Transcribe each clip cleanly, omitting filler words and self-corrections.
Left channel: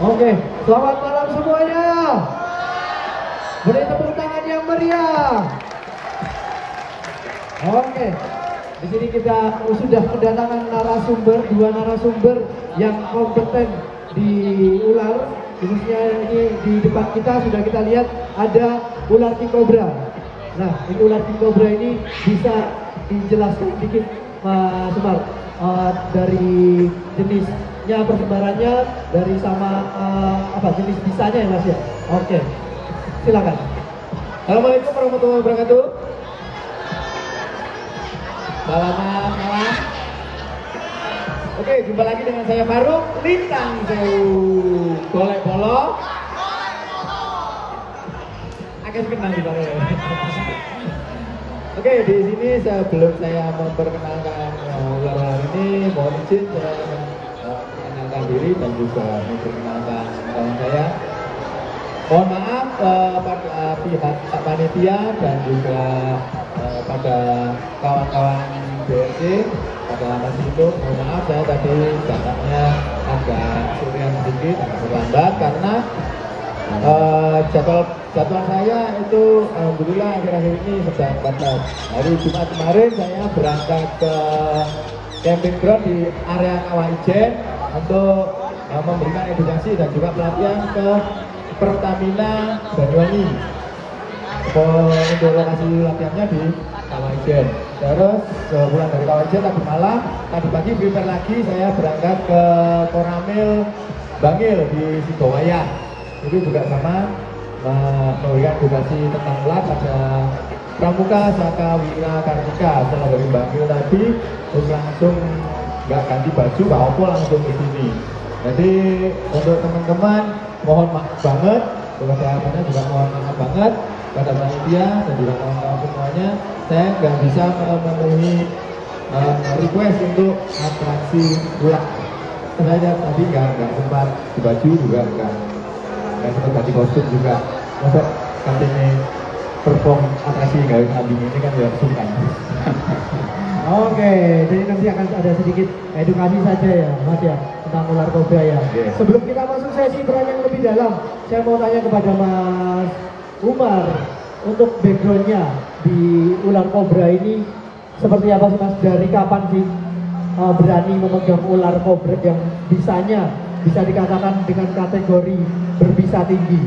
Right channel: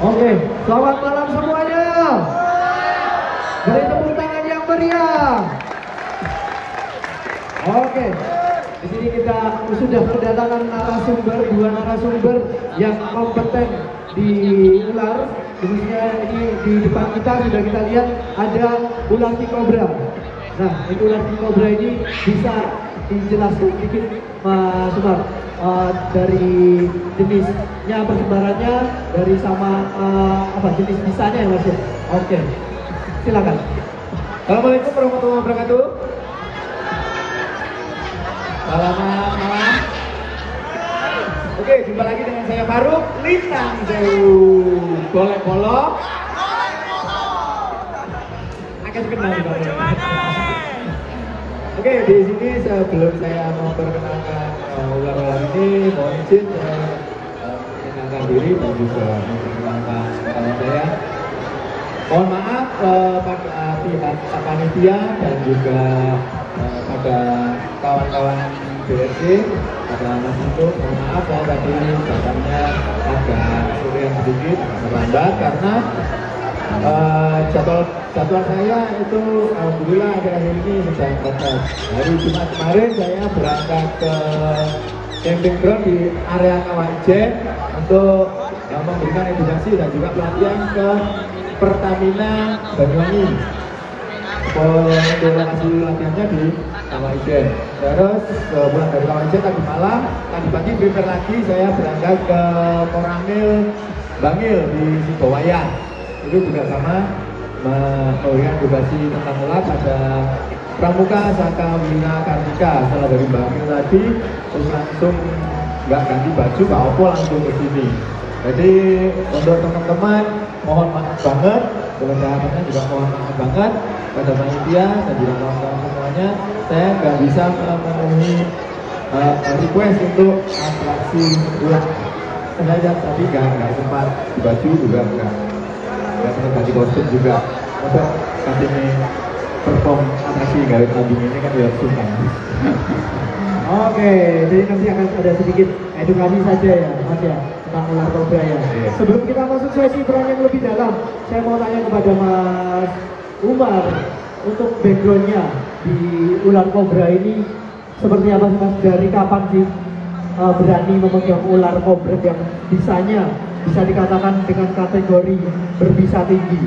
Oke, selamat malam semuanya. Beri tepuk tangan yang meriah. Oke, di sini kita sudah kedatangan dua narasumber yang kompeten di ular. Khususnya ini di depan kita sudah kita lihat ada ular king cobra. Nah, ini ular king cobra ini bisa dijelaskan sedikit, Sobat, dari jenisnya, persebarannya, dari sama jenis bisanya ya Mas ya. Oke, silakan. Assalamualaikum warahmatullahi wabarakatuh. Salam. Oke, jumpa lagi dengan saya Faruk Lintang Golek Polo. Akan kenal di bawah. Oke, di sini sebelum saya mau perkenalkan ular-ular ini, mohon izin saya mengenalkan diri dan juga memperkenalkan nama saya. Mohon maaf pada pihak panitia dan juga pada kawan-kawan BSC, pada Mas Ito, mohon maaf saya tadi datangnya agak sering sedikit terlambat karena jadwal saya itu alhamdulillah akhir-akhir ini sedang batas. Hari Jumat kemarin saya berangkat ke camping ground di area Kawajen untuk memberikan edukasi dan juga pelatihan ke Pertamina Banyuwangi. Untuk lokasi latihannya di Kawajen. Terus buat dari Kawajen tadi malam, tadi pagi prepare lagi saya berangkat ke Koramil Bangil di Sidowaya. Itu juga sama memberikan edukasi tentang ular pada Pramuka Saka Wina Kartika. Setelah dari Bangil tadi terus langsung nggak ganti baju, nggak opo langsung ke sini. Jadi untuk teman-teman mohon maaf banget, kesehatannya juga mohon maaf banget pada panitia dan juga kawan-kawan semuanya. Saya nggak bisa memenuhi request untuk atraksi tersebut. Saya tadi nggak sempat di baju juga nggak sempat ganti kostum juga. Juga katanya perform atraksi nggak mobil ini kan ya susah. Oke, jadi nanti akan ada sedikit edukasi saja ya, Mas ya, tentang ular kobra ya. Sebelum kita masuk sesi bertanya yang lebih dalam, saya mau tanya kepada Mas Umar, untuk backgroundnya di ular kobra ini seperti apa sih Mas? Dari kapan sih berani memegang ular kobra yang bisa dikatakan dengan kategori berbisa tinggi?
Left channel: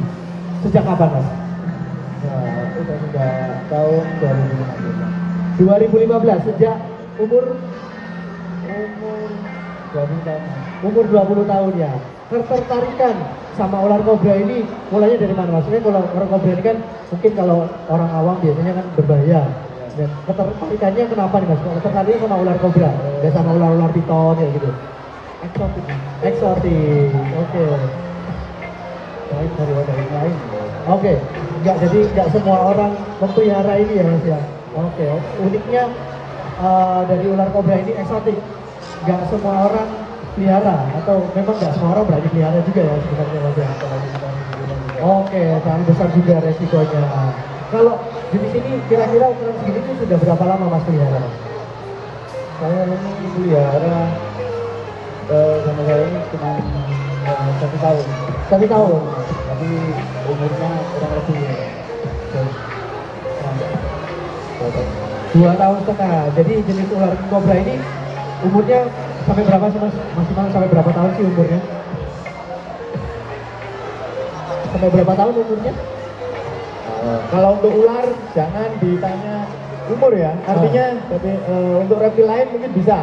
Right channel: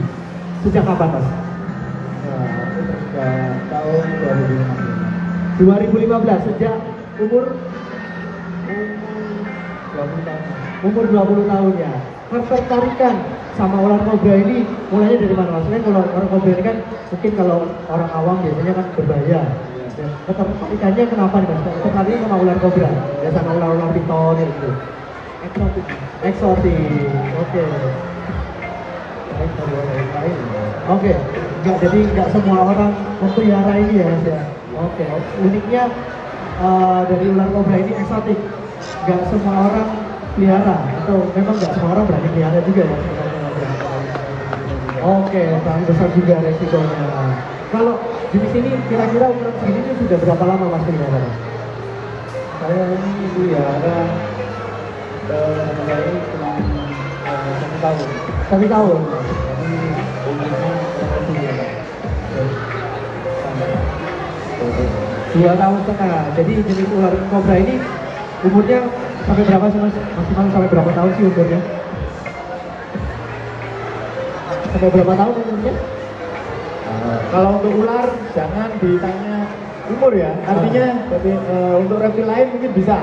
Sejak kapan Mas? Tahun 2015, sejak umur 20 tahun ya. Ketertarikan sama ular kobra ini mulainya dari mana Mas? Kalau ular kobra ini kan mungkin kalau orang awam biasanya kan berbahaya. Dan ketertarikannya kenapa nih Mas? Tertarik sama ular kobra, nggak sama ular-ular piton ya gitu? Eksotik. Oke. Oke. Jadi nggak semua orang memelihara ini ya Mas ya. Oke. Uniknya dari ular kobra ini eksotik. Nggak semua orang pelihara, atau memang nggak semua orang berani pelihara juga ya? Oke, sangat besar juga resikonya. Kalau di sini kira-kira ukuran segini ini sudah berapa lama Mas pelihara? Saya ini pelihara mulai 1 tahun. 1 tahun. Tapi umurnya 2 tahun setengah. Jadi jenis ular kobra ini umurnya sampai berapa sih Mas? Maksimal sampai berapa tahun sih umurnya? Sampai berapa tahun umurnya? Kalau untuk ular jangan ditanya umur ya, artinya tapi untuk reptil lain mungkin bisa.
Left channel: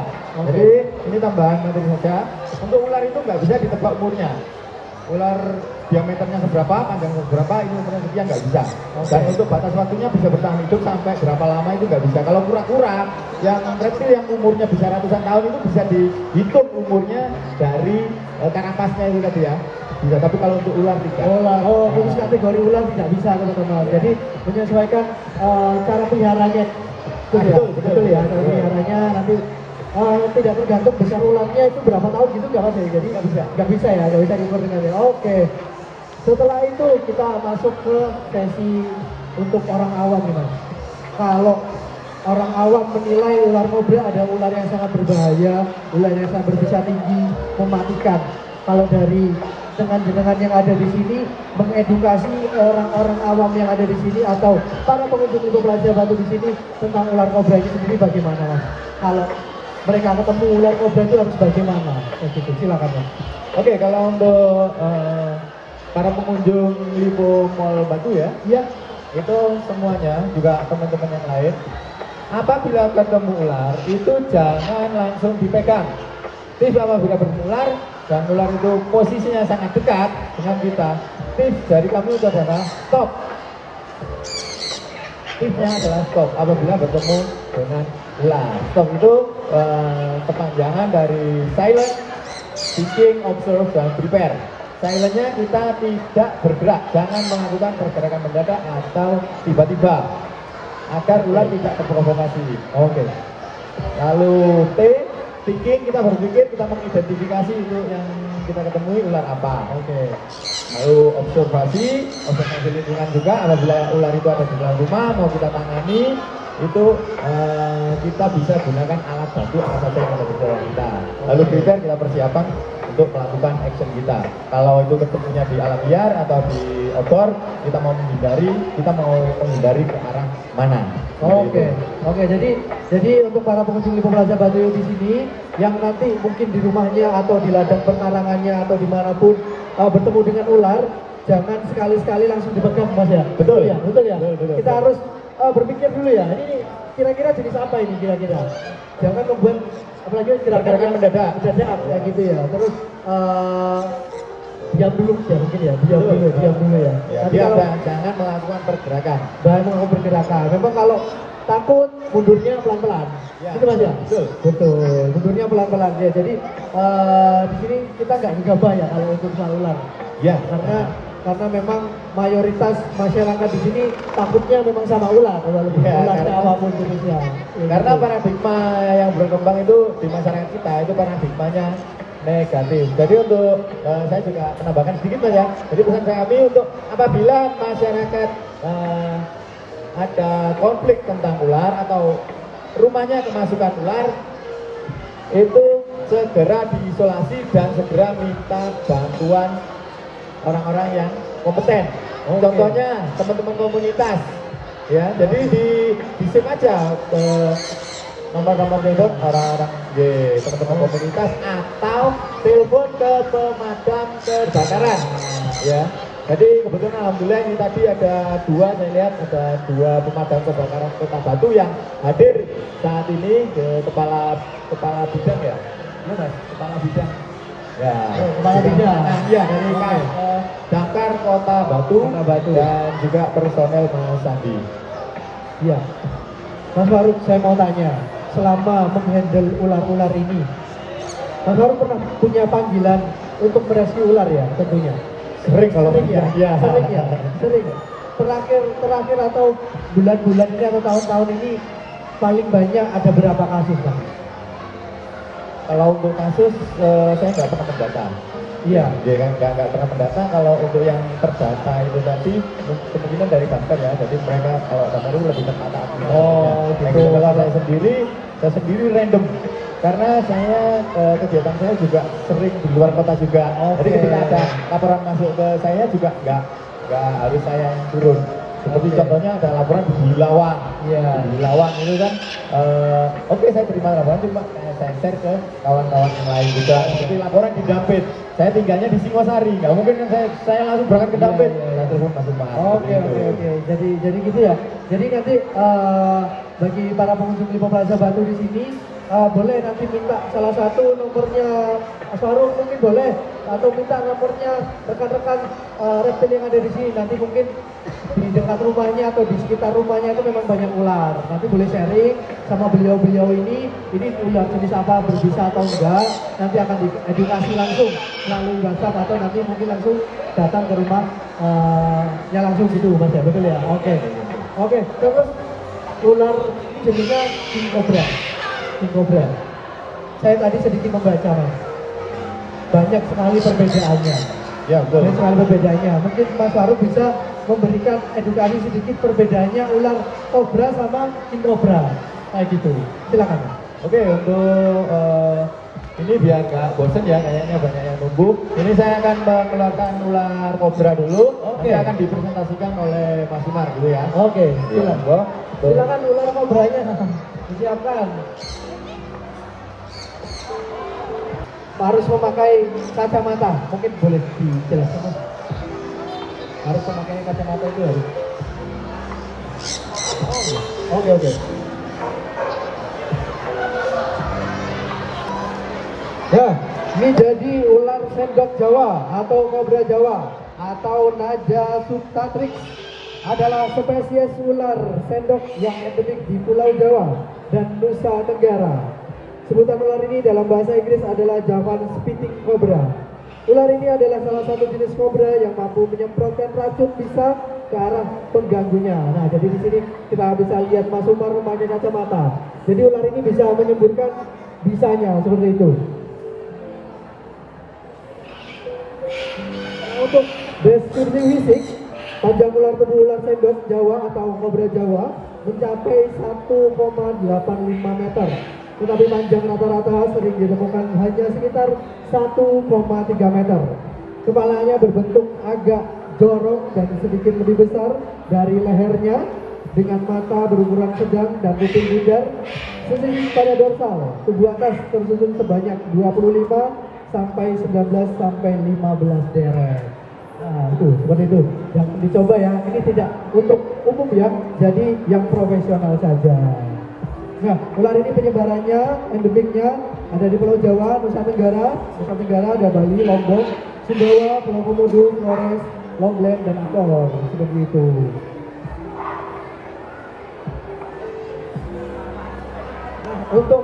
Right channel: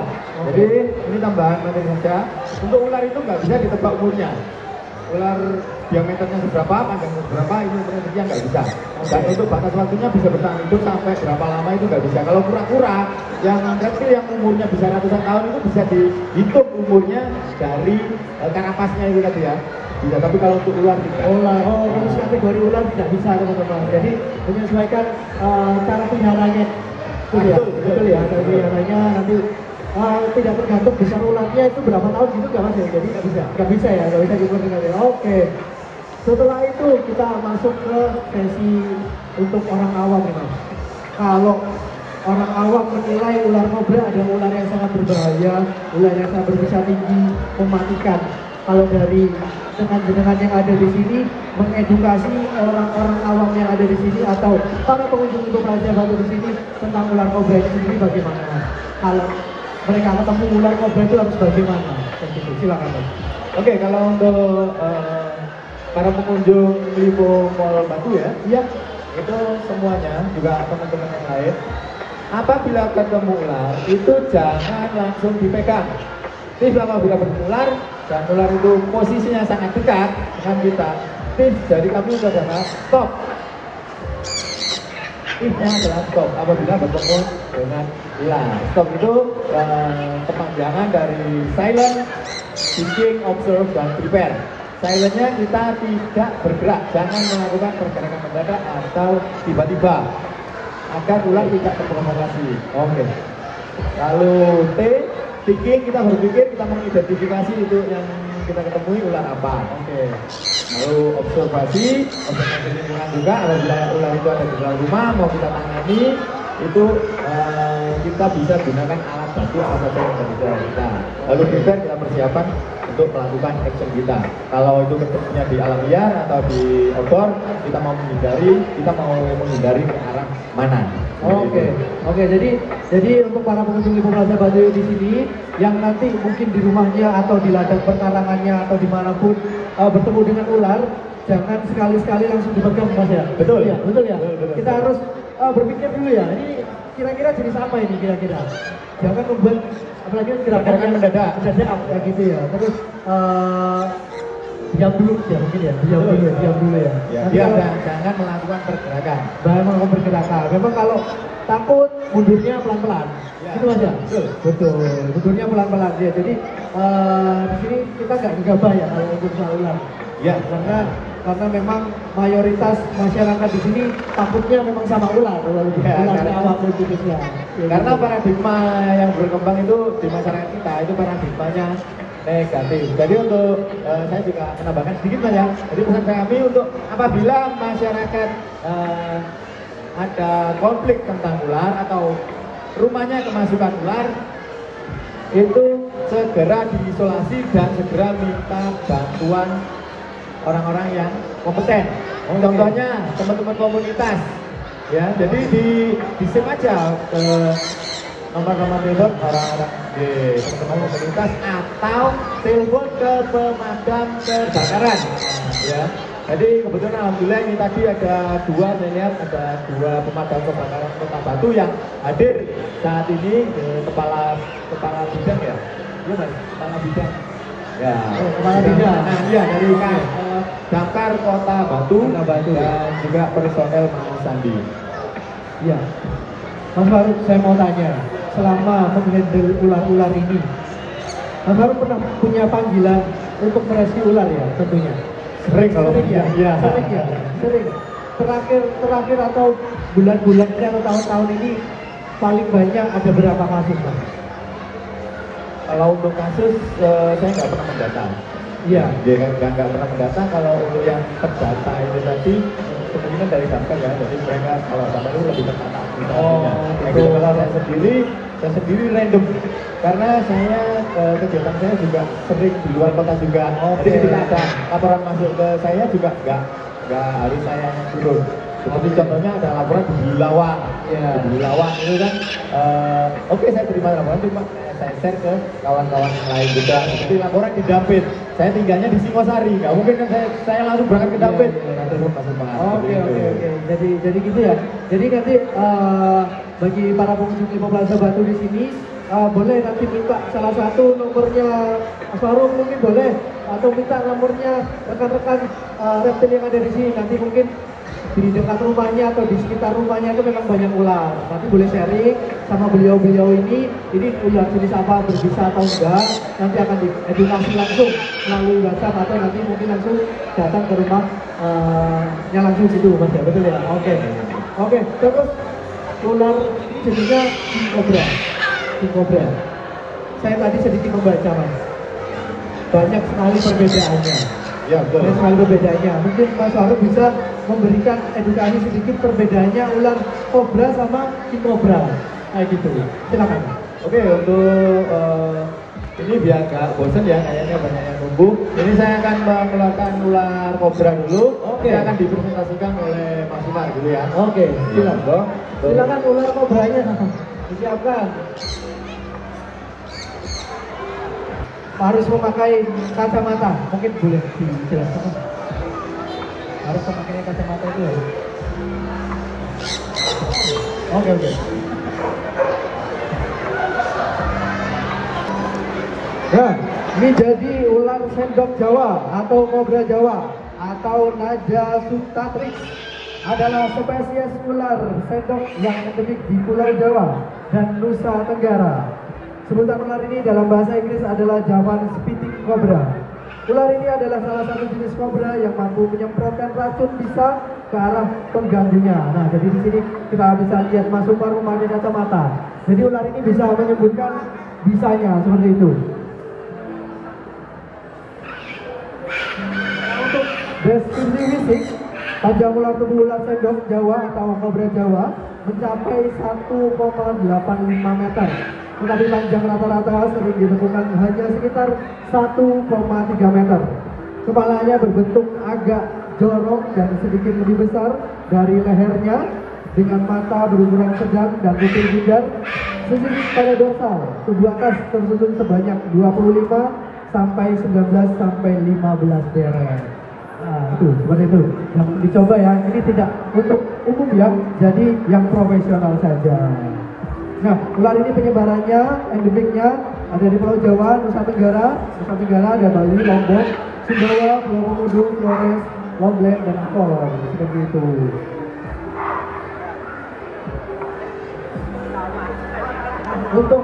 Jadi ini tambahan nanti saja. Untuk ular itu nggak bisa ditebak umurnya. Ular diameternya seberapa, panjang seberapa, ini umurnya nggak bisa. Dan untuk batas waktunya bisa bertahan hidup sampai berapa lama itu nggak bisa. Kalau kura-kura yang reptil yang umurnya bisa ratusan tahun itu bisa dihitung umurnya dari karapasnya itu tadi ya. Iya, tapi kalau untuk ular tidak. Khusus kategori ular tidak bisa teman-teman. Jadi menyesuaikan cara peliharanya. Betul ya, cara peliharanya nanti tidak tergantung besar ularnya itu berapa tahun gitu nggak Mas ya. Jadi nggak bisa ya, nggak bisa gitu ya. Oke. Setelah itu kita masuk ke sesi untuk orang awam nih Mas. Kalau orang awam menilai ular kobra adalah ular yang sangat berbahaya, ular yang sangat berbisa tinggi, mematikan. Kalau dari dengan jenengan yang ada di sini mengedukasi orang-orang awam yang ada di sini atau para pengunjung Ibu Praja Batu di sini tentang ular kobra itu sendiri bagaimana Mas? Kalau mereka ketemu ular kobra itu harus bagaimana? Oke, silakan Mas. Oke, kalau untuk para pengunjung Lipo Mall Batu ya, Iya. itu semuanya juga teman-teman yang lain, apabila ketemu ular itu jangan langsung dipegang. Tips apabila bertemu ular dan ular itu posisinya sangat dekat dengan kita, tips dari kami adalah stop. Tipsnya adalah stop apabila bertemu dengan ular. Stop itu kepanjangan dari silent, thinking, observe, dan prepare. Silentnya kita tidak bergerak, jangan melakukan pergerakan mendadak atau tiba-tiba agar ular tidak terprovokasi. Oke. Lalu T, thinking, kita berpikir, kita mengidentifikasi itu yang kita ketemui ular apa. Oke. Lalu observasi lingkungan juga, apabila ular itu ada di dalam rumah mau kita tangani, itu kita bisa gunakan alat bantu apa saja yang ada di dalam kita. Lalu prepare, kita persiapan untuk melakukan action kita. Kalau itu ketemunya di alam liar atau di outdoor, kita mau menghindari ke arah mana. Oke, jadi untuk para pengunjung Ibu Praja Batu di sini yang nanti mungkin di rumahnya atau di ladang perkarangannya atau dimanapun bertemu dengan ular, jangan sekali-sekali langsung dipegang Mas ya. Betul ya, betul ya. Betul. Kita harus berpikir dulu ya. Ini kira-kira jenis apa ini kira-kira? Jangan membuat apalagi gerakan mendadak kayak gitu ya. Terus diam dulu ya mungkin ya, diam dulu ya. Jangan melakukan pergerakan. Bahan melakukan pergerakan. Memang kalau takut mundurnya pelan-pelan. Ya, itu Mas ya? Betul. Mundurnya pelan-pelan ya. Jadi di sini kita nggak gegabah ya kalau untuk soal ular. Ya, karena memang mayoritas masyarakat di sini takutnya memang sama ular apapun jenisnya. Karena paradigma yang berkembang itu di masyarakat kita itu paradigmanya negatif. Jadi untuk saya juga menambahkan sedikit Mas ya. Jadi pesan kami untuk apabila masyarakat ada konflik tentang ular atau rumahnya kemasukan ular, itu segera diisolasi dan segera minta bantuan orang-orang yang kompeten. Contohnya teman-teman komunitas, ya. Jadi di save aja nomor-nomor telepon orang-orang di teman-teman komunitas atau telepon ke pemadam kebakaran, ya. Jadi kebetulan alhamdulillah ini tadi ada dua pemadam kebakaran Kota Batu yang hadir saat ini, kepala bidang ya, kepala bidang. Ya, ya dari Damkar Kota Batu dan juga personel Mas Sandi. Iya, Mas Faruk, saya mau tanya, selama menghandle ular-ular ini, Mas Faruk pernah punya panggilan untuk merescue ular ya tentunya? Sering kalau ya. Sering. Terakhir atau bulan-bulan ini atau tahun-tahun ini paling banyak ada berapa kasus Pak? Kalau untuk kasus saya nggak pernah mendata. Iya. Dia kan nggak pernah mendata. Kalau untuk yang terdata ini tadi sebenarnya dari Damkar ya. Jadi mereka kalau Damkar itu lebih terdata. Tapi kalau saya sendiri random. Karena saya kegiatan saya juga sering di luar kota juga. Jadi ketika ada laporan masuk ke saya juga nggak harus saya yang turun. Seperti contohnya ada laporan di Bilawang. Iya. Di Bilawang itu kan, oke saya terima laporan, cuma saya share ke kawan-kawan lain juga. Seperti laporan di Dampit. Saya tinggalnya di Singosari. Nggak mungkin kan saya langsung berangkat ke Dampit. Nanti pun masuk Oke. Jadi gitu ya. Jadi nanti bagi para pengunjung Ibu Praja Batu di sini boleh nanti minta salah satu nomornya Mas Faruk mungkin boleh, atau minta nomornya rekan-rekan reptil yang ada di sini. Nanti mungkin di dekat rumahnya atau di sekitar rumahnya itu memang banyak ular. Tapi boleh sharing sama beliau-beliau ini ular jenis apa, berbisa atau enggak. Nanti akan diedukasi langsung melalui WhatsApp atau nanti mungkin langsung datang ke rumah yang langsung situ Mas ya, betul ya? Oke. Terus ular jenisnya king cobra. Saya tadi sedikit membaca Mas. Banyak sekali perbedaannya. Ya, banyak sekali perbedaannya. Mungkin Mas Faruk bisa memberikan edukasi sedikit perbedaannya ular kobra sama king cobra. Kayak gitu. Silakan. Oke, untuk ini biar nggak bosan ya, kayaknya banyak yang sembuh. Ini saya akan mengeluarkan ular kobra dulu. Oke. Ini akan dipresentasikan oleh Mas Umar gitu ya. Oke, Iya, Bro. silakan ular kobranya disiapkan. Harus memakai kacamata, mungkin boleh dijelaskan. Harus memakai kacamata itu. Oke. Nah, ini jadi ular sendok Jawa atau kobra Jawa atau Naja subtatrix adalah spesies ular sendok yang endemik di Pulau Jawa dan Nusa Tenggara. Sebutan ular ini dalam bahasa Inggris adalah Javan spitting cobra. Ular ini adalah salah satu jenis kobra yang mampu menyemprotkan racun pisang ke arah pengganggunya. Nah, jadi di sini kita bisa lihat Mas Umar memakai kacamata. Jadi ular ini bisa menyebutkan bisanya seperti itu. Nah, untuk deskripsi fisik, panjang ular tubuh ular sendok Jawa atau kobra Jawa mencapai 1,85 meter. Tetapi panjang rata-rata sering ditemukan hanya sekitar 1,3 meter. Kepalanya berbentuk agak jorok dan sedikit lebih besar dari lehernya, dengan mata berukuran sedang dan kuping bugar. Sisi pada dorsal tubuh atas tersusun sebanyak 25 sampai 19 sampai 15 deret. Nah, itu seperti itu yang dicoba ya. Ini tidak untuk umum ya, jadi yang profesional saja. Nah, ular ini penyebarannya, endemiknya ada di Pulau Jawa, Nusa Tenggara ada Bali, Lombok, Sumbawa, Pulau Komodo, Flores, Lombok, dan Kor, seperti itu. Untuk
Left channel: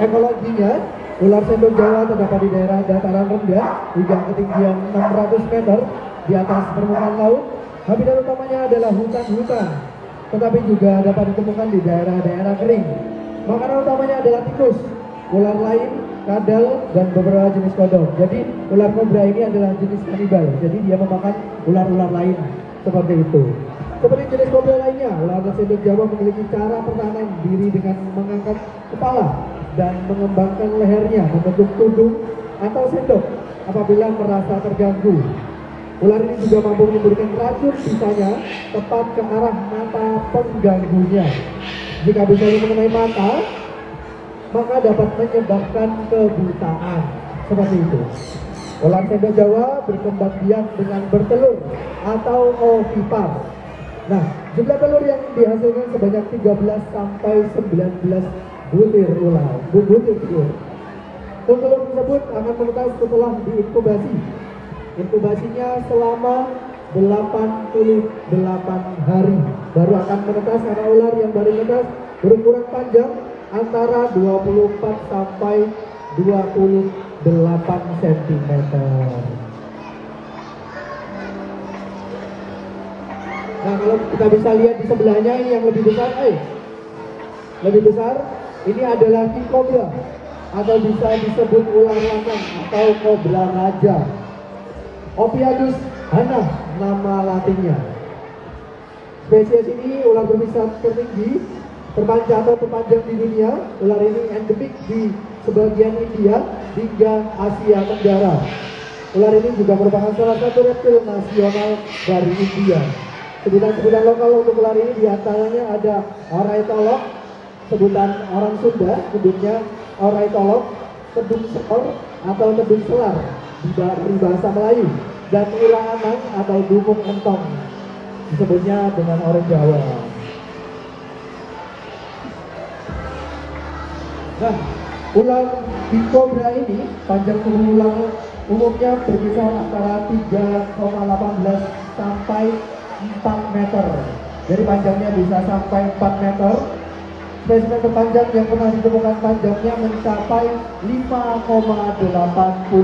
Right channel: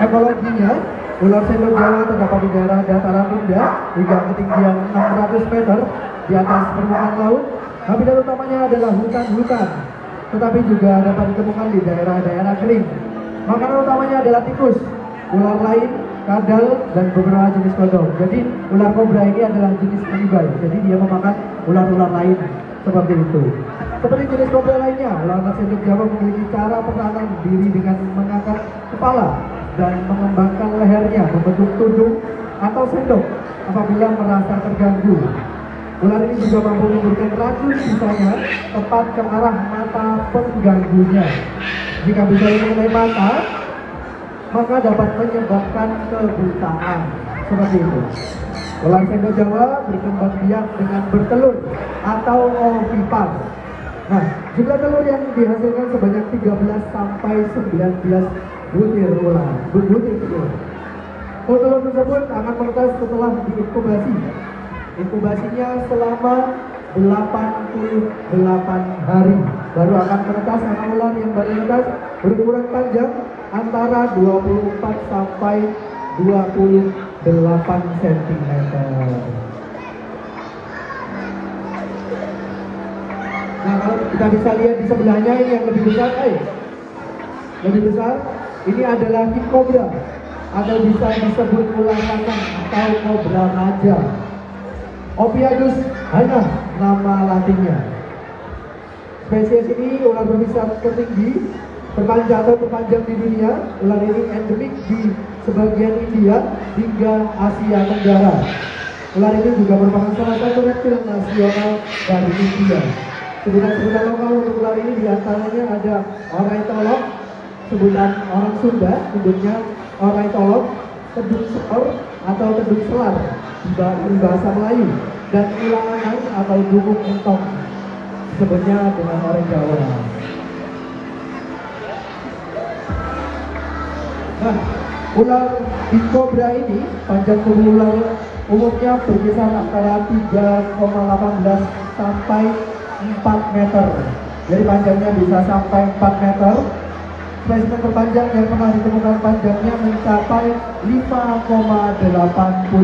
ekologinya, ular sendok Jawa terdapat di daerah dataran rendah hingga ketinggian 600 meter di atas permukaan laut. Habitat utamanya adalah hutan-hutan, tetapi juga dapat ditemukan di daerah-daerah kering. Makanan utamanya adalah tikus, ular lain, kadal, dan beberapa jenis kodok. Jadi ular kobra ini adalah jenis kanibai, jadi dia memakan ular-ular lain seperti itu. Seperti jenis kobra lainnya, ular sendok Jawa memiliki cara pertahanan diri dengan mengangkat kepala dan mengembangkan lehernya membentuk tudung atau sendok apabila merasa terganggu. Ular ini juga mampu memberikan racun sisanya tepat ke arah mata pengganggunya. Jika bicara mengenai mata, maka dapat menyebabkan kebutaan. Seperti itu. Ular sendok Jawa berkembang biak dengan bertelur atau ovipar. Nah, jumlah telur yang dihasilkan sebanyak 13 sampai 19 butir ular. Telur tersebut akan menetas setelah diinkubasi. Inkubasinya selama 88 hari baru akan menetas, karena ular yang baru menetas berukuran panjang antara 24 sampai 28 cm. Nah, kalau kita bisa lihat di sebelahnya ini yang lebih besar, lebih besar, ini adalah king cobra atau bisa disebut ular lanang atau kobra raja. Ophiuchus hana nama latinnya. Spesies ini ular berbisa tertinggi, terpanjang atau terpanjang di dunia. Ular ini endemik di sebagian India hingga Asia Tenggara. Ular ini juga merupakan salah satu reptil nasional dari India. Sebutan-sebutan lokal untuk ular ini diantaranya ada oraitolog, sebutan orang Sunda, sebutnya oraitolog, tedung sekor atau tedung selar di bahasa Melayu, dan ular lanang atau dumung entong, sebutnya dengan orang Jawa. Nah, ular king cobra ini panjang tubuh ular umumnya berkisar antara 3,18 sampai 4 meter. Jadi panjangnya bisa sampai 4 meter. Spesimen terpanjang yang pernah ditemukan panjangnya mencapai 5,85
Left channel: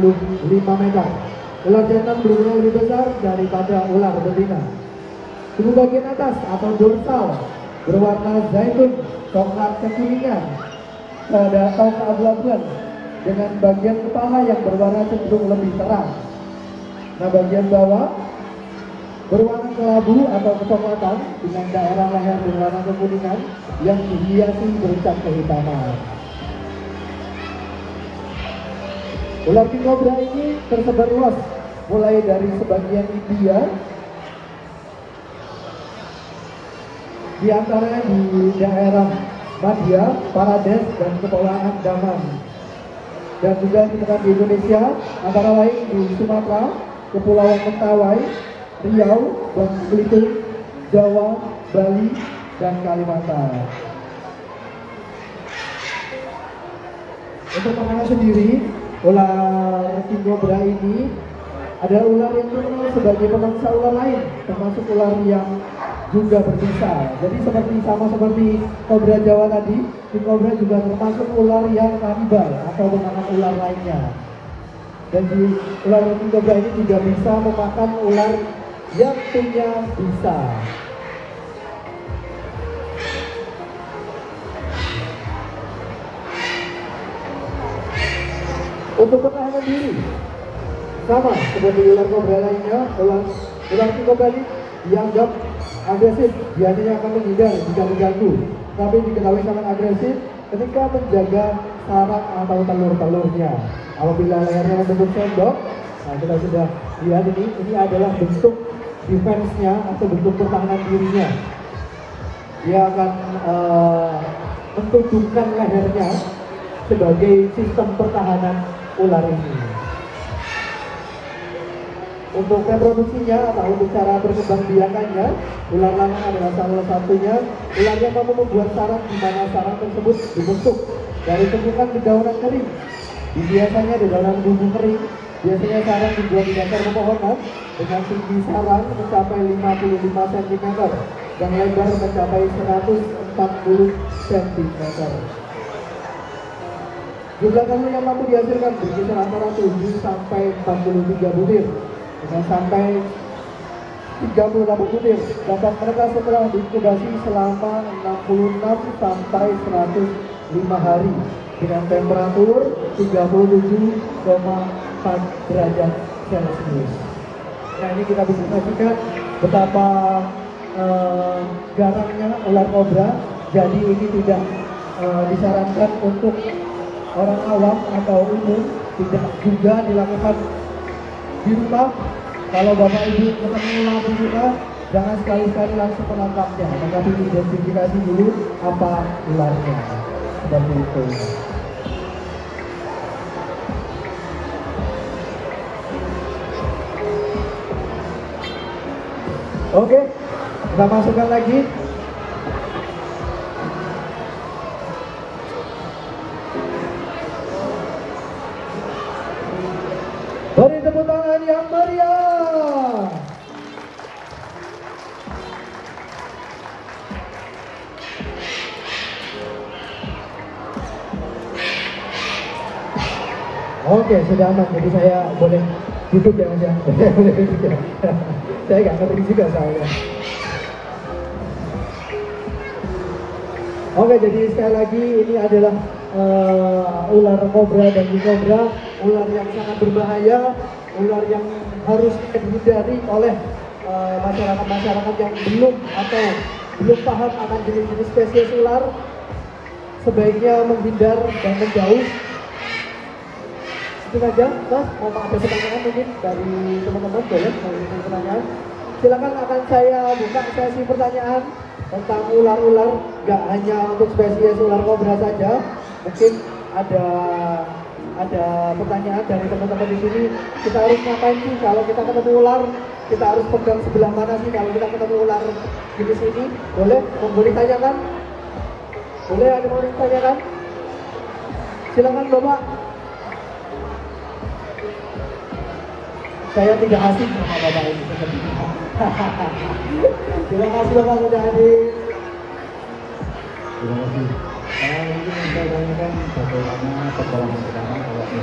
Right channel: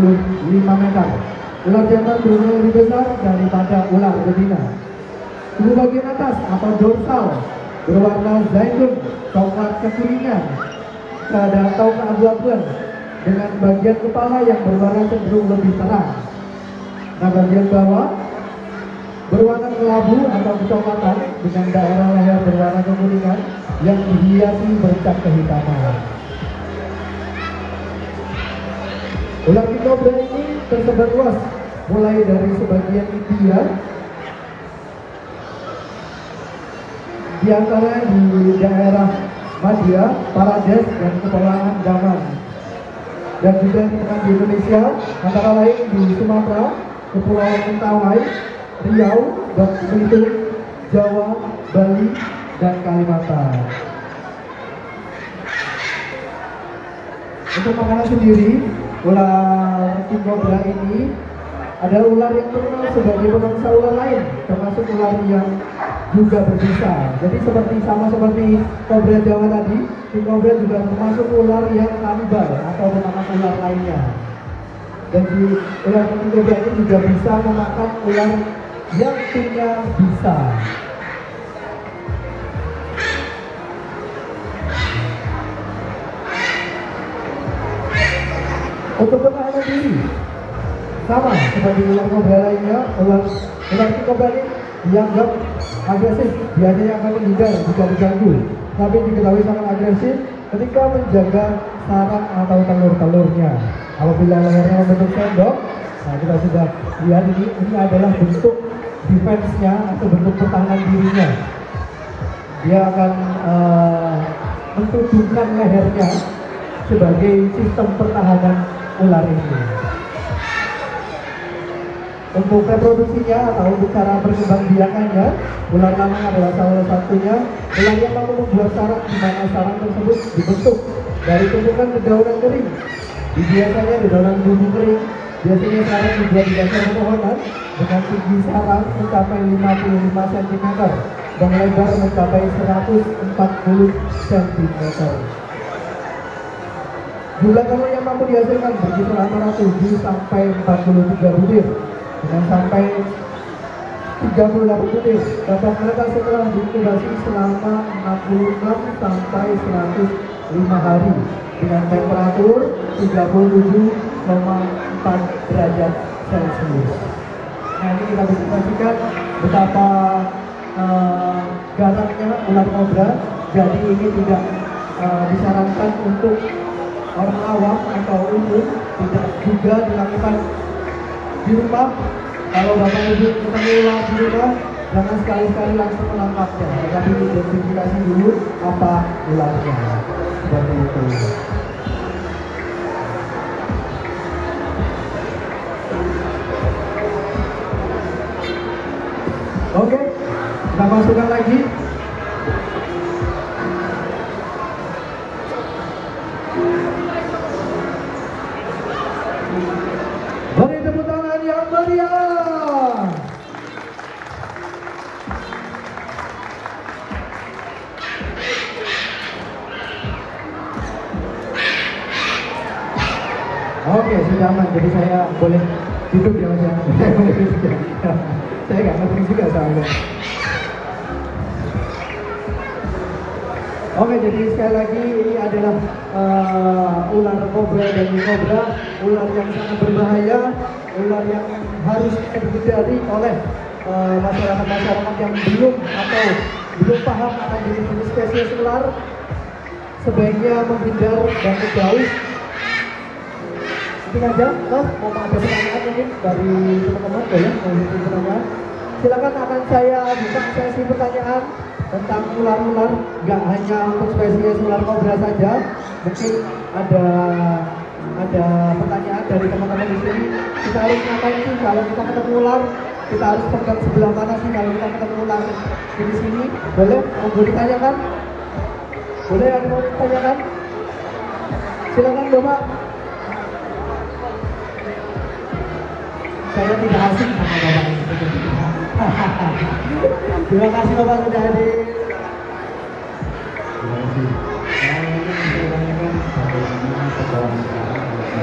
meter. Ular jantan berukuran lebih besar daripada ular betina. Tubuh bagian atas atau dorsal berwarna zaitun, coklat kekuningan, atau keabu-abuan, dengan bagian kepala yang berwarna cenderung lebih terang. Nah, bagian bawah berwarna kelabu atau kecoklatan dengan daerah leher berwarna kekuningan yang dihiasi bercak kehitaman. Ular king cobra ini tersebar luas, mulai dari sebagian India, di antaranya di daerah Madhya, Pradesh, dan Kepulauan Andaman, dan juga ditemukan di Indonesia, antara lain di Sumatera, Kepulauan Mentawai, Riau, dan Belitung, Jawa, Bali, dan Kalimantan. Untuk makanan sendiri, ular king cobra ini adalah ular yang terkenal sebagai pemangsa ular lain, termasuk ular yang juga berbisa. Jadi sama seperti kobra Jawa tadi, king cobra juga termasuk ular yang kanibal atau memakan ular lainnya. Jadi ular king cobra ini juga bisa memakan ular yang punya bisa. Untuk pertahanan diri, sama seperti ular kobra lainnya, ular king cobra ini dianggap agresif, biasanya akan menghindar jika diganggu, tapi diketahui sangat agresif ketika menjaga sarang atau telur-telurnya. Apabila lehernya membentuk sendok, nah kita sudah lihat ini adalah bentuk defense-nya atau bentuk pertahanan dirinya. Dia akan menunjukkan lehernya sebagai sistem pertahanan ular ini. Untuk reproduksinya atau untuk cara berkembang biakannya, ular lanang adalah salah satunya. Ular yang mampu membuat sarang di mana sarang tersebut dibentuk dari tumpukan dedaunan kering. Biasanya di dalam bumbu kering, biasanya sarang dibuat di dasar pepohonan dengan tinggi sarang mencapai 55 cm dan lebar mencapai 140 cm. Jumlah telur yang mampu dihasilkan berkisar antara 7 sampai 43 butir dengan sampai 38 butir. Bapak mereka setelah diinkubasi selama 66 sampai 105 hari dengan temperatur 37,4 derajat Celcius. Nah, ini kita bisa saksikan betapa garangnya ular kobra. Jadi ini tidak disarankan untuk orang awam atau umum, tidak juga dilakukan di rumah. Kalau bapak ibu ketemu ular di rumah, jangan sekali-kali langsung menangkapnya, tapi identifikasi dulu apa ularnya. Seperti itu. Oke, kita masukkan lagi. Beri tepuk tangan yang meriah. Oke, sudah aman. Jadi saya boleh duduk ya. Saya nggak ngerti juga soalnya. Oke, jadi sekali lagi ini adalah ular kobra dan kobra, ular yang sangat berbahaya, ular yang harus dihindari oleh masyarakat yang belum paham akan jenis spesies ular. Sebaiknya menghindar dan menjauh. Itu aja, Mas. Ada pertanyaan mungkin dari teman-teman? Silakan akan saya buka sesi pertanyaan tentang ular-ular, nggak hanya untuk spesies ular kobra saja. Mungkin ada pertanyaan dari teman-teman di sini. Kita harus ngapain sih kalau kita ketemu ular? Kita harus pegang sebelah mana sih kalau kita ketemu ular di sini? Boleh ditanyakan? Boleh ada yang mau ditanyakan? Silakan Bapak. Saya tidak asing sama Bapak ini. Terima kasih Bapak sudah hadir. Terima kasih. Ini bisa tanyakan bagaimana perjalanan sekarang kalau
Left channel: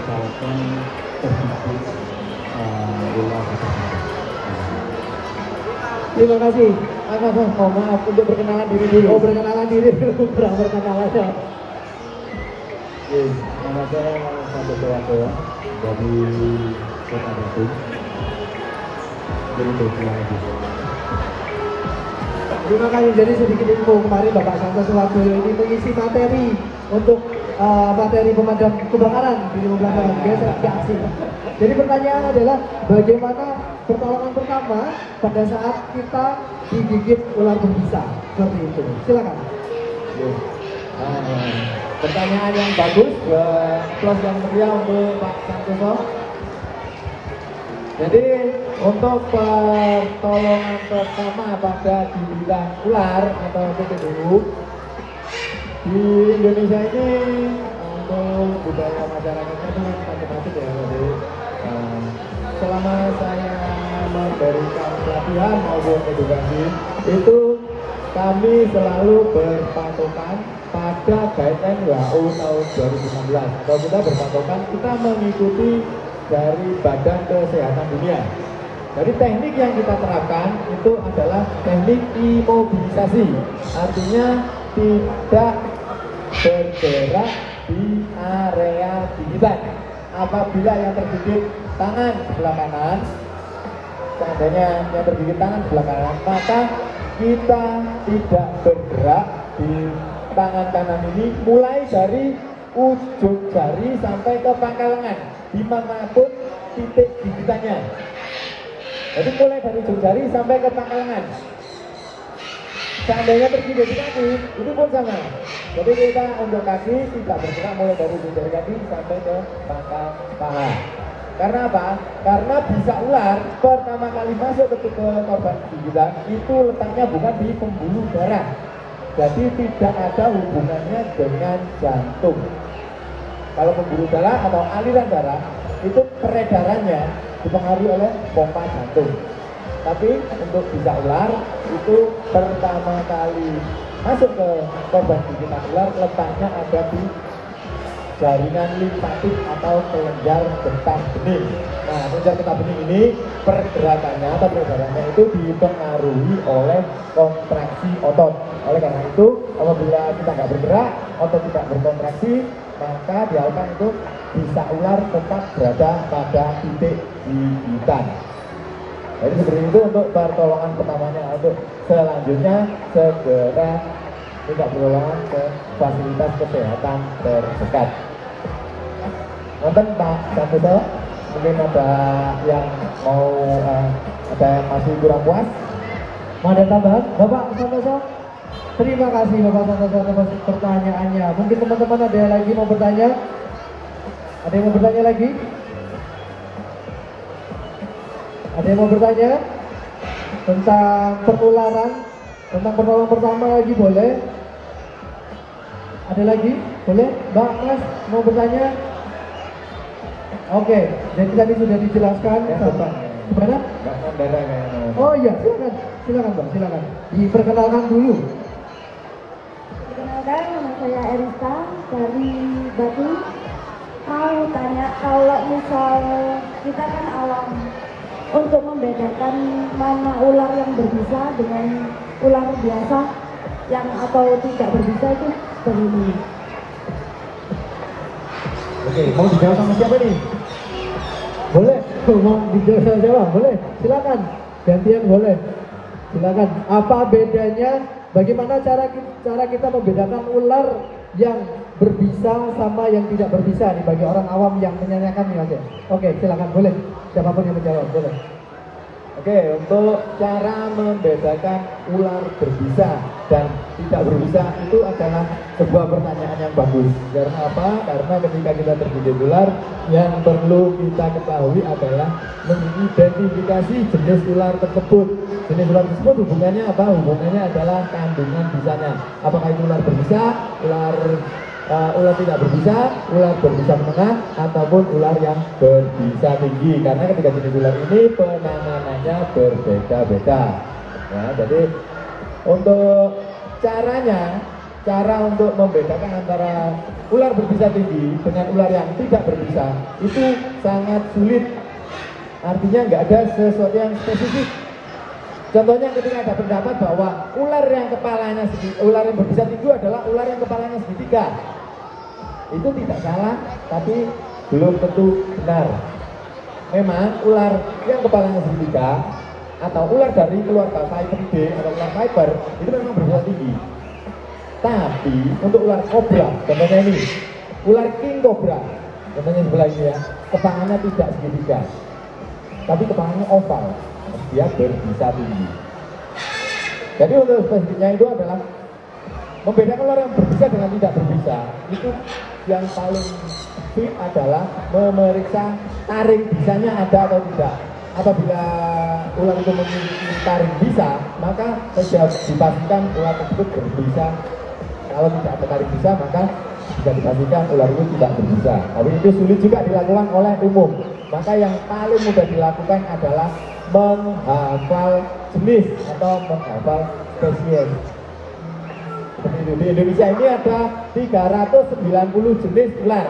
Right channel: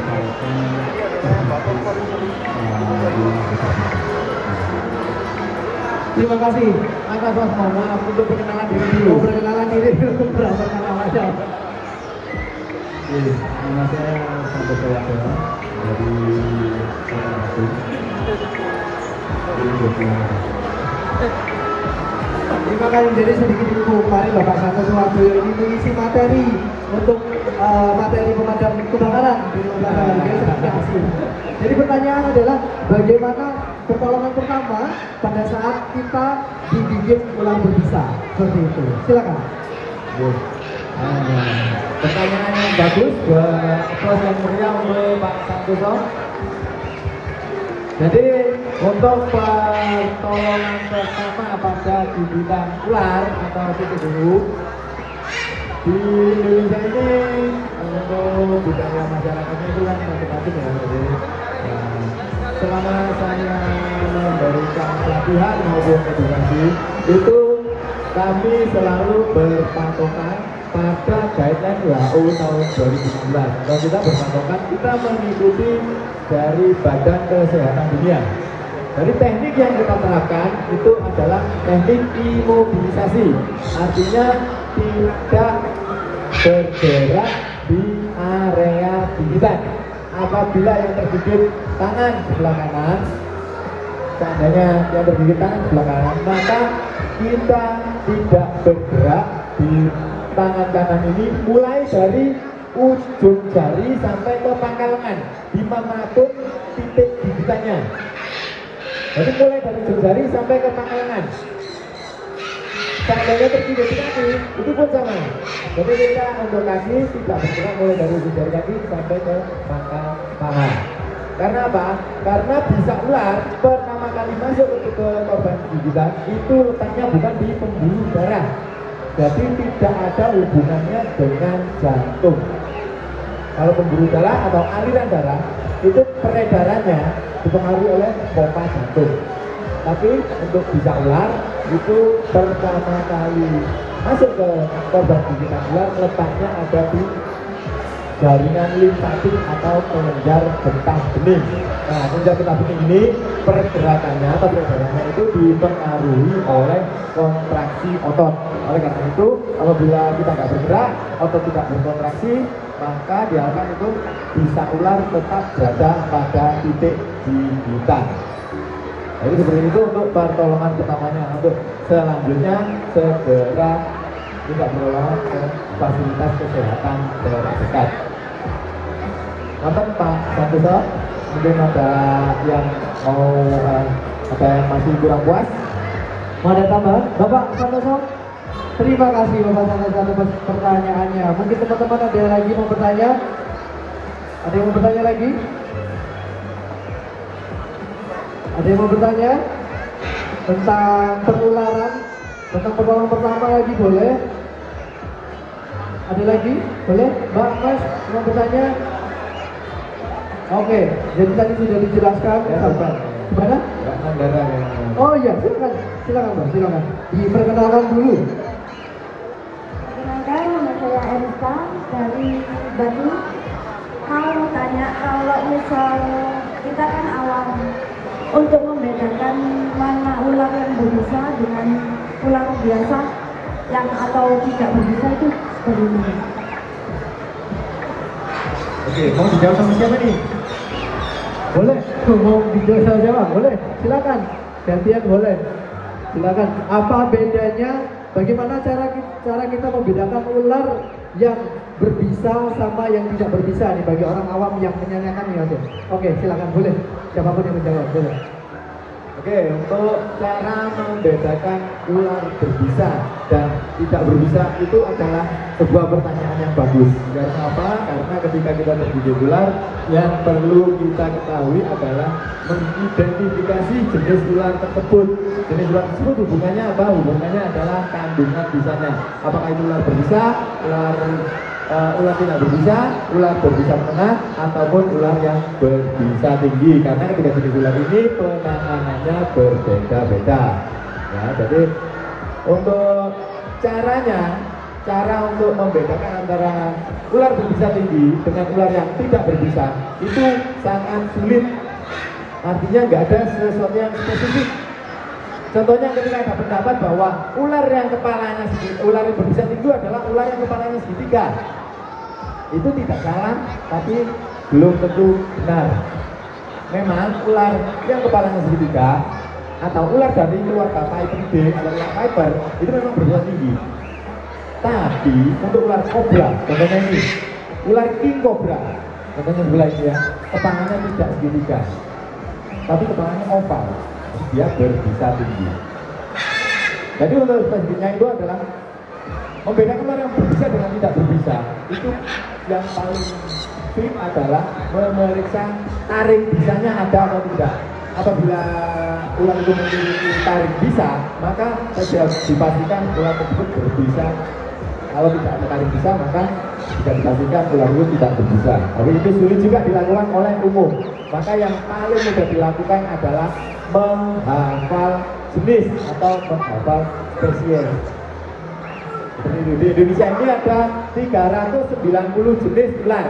Terima kasih. Anak mohon untuk perkenalan diri dulu. Perkenalan diri dulu. Perkenalan aja. Nama saya Santoso Atoa dari Kota Batu. Terima kasih. Jadi sedikit info kemarin Bapak Santoso Atoa ini mengisi materi untuk materi pemadam kebakaran di Indonesia. kasih. Jadi pertanyaan adalah bagaimana pertolongan pertama pada saat kita digigit ular berbisa seperti itu. Silakan. Pertanyaan yang bagus buat kelas yang meriah oleh Pak Santoso. Jadi untuk pertolongan pertama pada gigitan ular atau TTDU di Indonesia ini untuk budaya masyarakatnya itu kan masing-masing ya. Jadi selama saya memberikan pelatihan maupun edukasi itu kami selalu berpatokan pada guideline WHO tahun 2016. Kalau kita berpatokan, kita mengikuti dari Badan Kesehatan Dunia. Jadi teknik yang kita terapkan itu adalah teknik imobilisasi, artinya tidak bergerak di area gigitan. Apabila yang tergigit tangan sebelah kanan, seandainya yang tergigit tangan sebelah kanan, maka kita tidak bergerak di tangan kanan ini mulai dari ujung jari sampai ke pangkal lengan dimanapun titik gigitannya. Jadi mulai dari ujung jari sampai ke pangkal lengan. Seandainya tergigit di kaki, itu pun sama. Jadi kita untuk kaki tidak bergerak mulai dari ujung jari kaki sampai ke pangkal tangan. Karena apa? Karena bisa ular pertama kali masuk ke korban gigitan itu letaknya bukan di pembuluh darah. Jadi tidak ada hubungannya dengan jantung. Kalau pembuluh darah atau aliran darah itu peredarannya dipengaruhi oleh pompa jantung. Tapi untuk bisa ular itu pertama kali masuk ke korban gigitan ular letaknya ada di jaringan limfatik atau kelenjar getah bening. Nah, kelenjar getah bening ini pergerakannya atau peredarannya itu dipengaruhi oleh kontraksi otot. Oleh karena itu, apabila kita nggak bergerak, otot tidak berkontraksi, maka diharapkan untuk bisa ular tetap berada pada titik gigitan. Jadi seperti itu untuk pertolongan pertamanya. Untuk selanjutnya segera tidak pertolongan ke fasilitas kesehatan terdekat. Nanti Pak Santoso, mungkin ada yang mau ada yang masih kurang puas? Mau ada tambahan? Bapak Santoso? Terima kasih Bapak Santoso atas pertanyaannya. Mungkin teman-teman ada yang lagi mau bertanya? Ada yang mau bertanya lagi? Ada yang mau bertanya? Tentang penularan? Tentang pertolongan pertama lagi boleh? Ada lagi? Boleh? Mbak, Mas, mau bertanya? Oke, jadi tadi sudah dijelaskan. Gimana? Oh iya, silakan. Silakan Mbak, silakan. Diperkenalkan dulu. Perkenalkan, nama saya Erika dari Batu. Mau tanya, kalau misal kita kan awam, untuk membedakan mana ular yang berbisa dengan ular biasa yang atau tidak berbisa itu bagaimana? Oke, mau dijawab sama siapa nih? Boleh? Mau dijawab sama siapa? Boleh? Silakan. Gantian boleh. Silakan. Apa bedanya? Bagaimana cara kita membedakan ular yang berbisa sama yang tidak berbisa nih bagi orang awam yang menanyakan ya? Oke, silakan boleh. Siapapun yang menjawab boleh. Oke, untuk cara membedakan ular berbisa dan tidak berbisa itu adalah sebuah pertanyaan yang bagus. Karena apa? Karena ketika kita tergigit ular, yang perlu kita ketahui adalah mengidentifikasi jenis ular tersebut. Jenis ular tersebut hubungannya apa? Hubungannya adalah kandungan bisanya. Apakah itu ular berbisa, ular tidak berbisa, ular berbisa menengah, ataupun ular yang berbisa tinggi. Karena ketika jenis ular ini penanganannya berbeda-beda. Ya, jadi untuk cara untuk membedakan antara ular berbisa tinggi dengan ular yang tidak berbisa itu sangat sulit. Artinya nggak ada sesuatu yang spesifik. Contohnya ketika ada pendapat bahwa ular yang berbisa tinggi adalah ular yang kepalanya segitiga. Itu tidak salah, tapi belum tentu benar. Memang ular yang kepalanya segitiga atau ular dari keluarga Viper B atau ular Viper itu memang berbisa tinggi. Tapi untuk ular kobra, contohnya ini, ular king cobra, Contohnya sebelah ini ya, ketangannya tidak segitiga, tapi ketangannya oval, dia berbisa tinggi. Jadi untuk spesifiknya itu adalah membedakan ular yang berbisa dengan tidak berbisa. Itu yang paling sulit adalah memeriksa taring bisanya ada atau tidak. Apabila ular itu memiliki taring bisa, maka sudah dipastikan ular tersebut berbisa. Kalau tidak ada taring bisa, maka bisa dipastikan ular itu tidak berbisa. Tapi itu sulit juga dilakukan oleh umum. Maka yang paling mudah dilakukan adalah menghafal jenis atau menghafal spesies. Di Indonesia ini ada 390 jenis ular.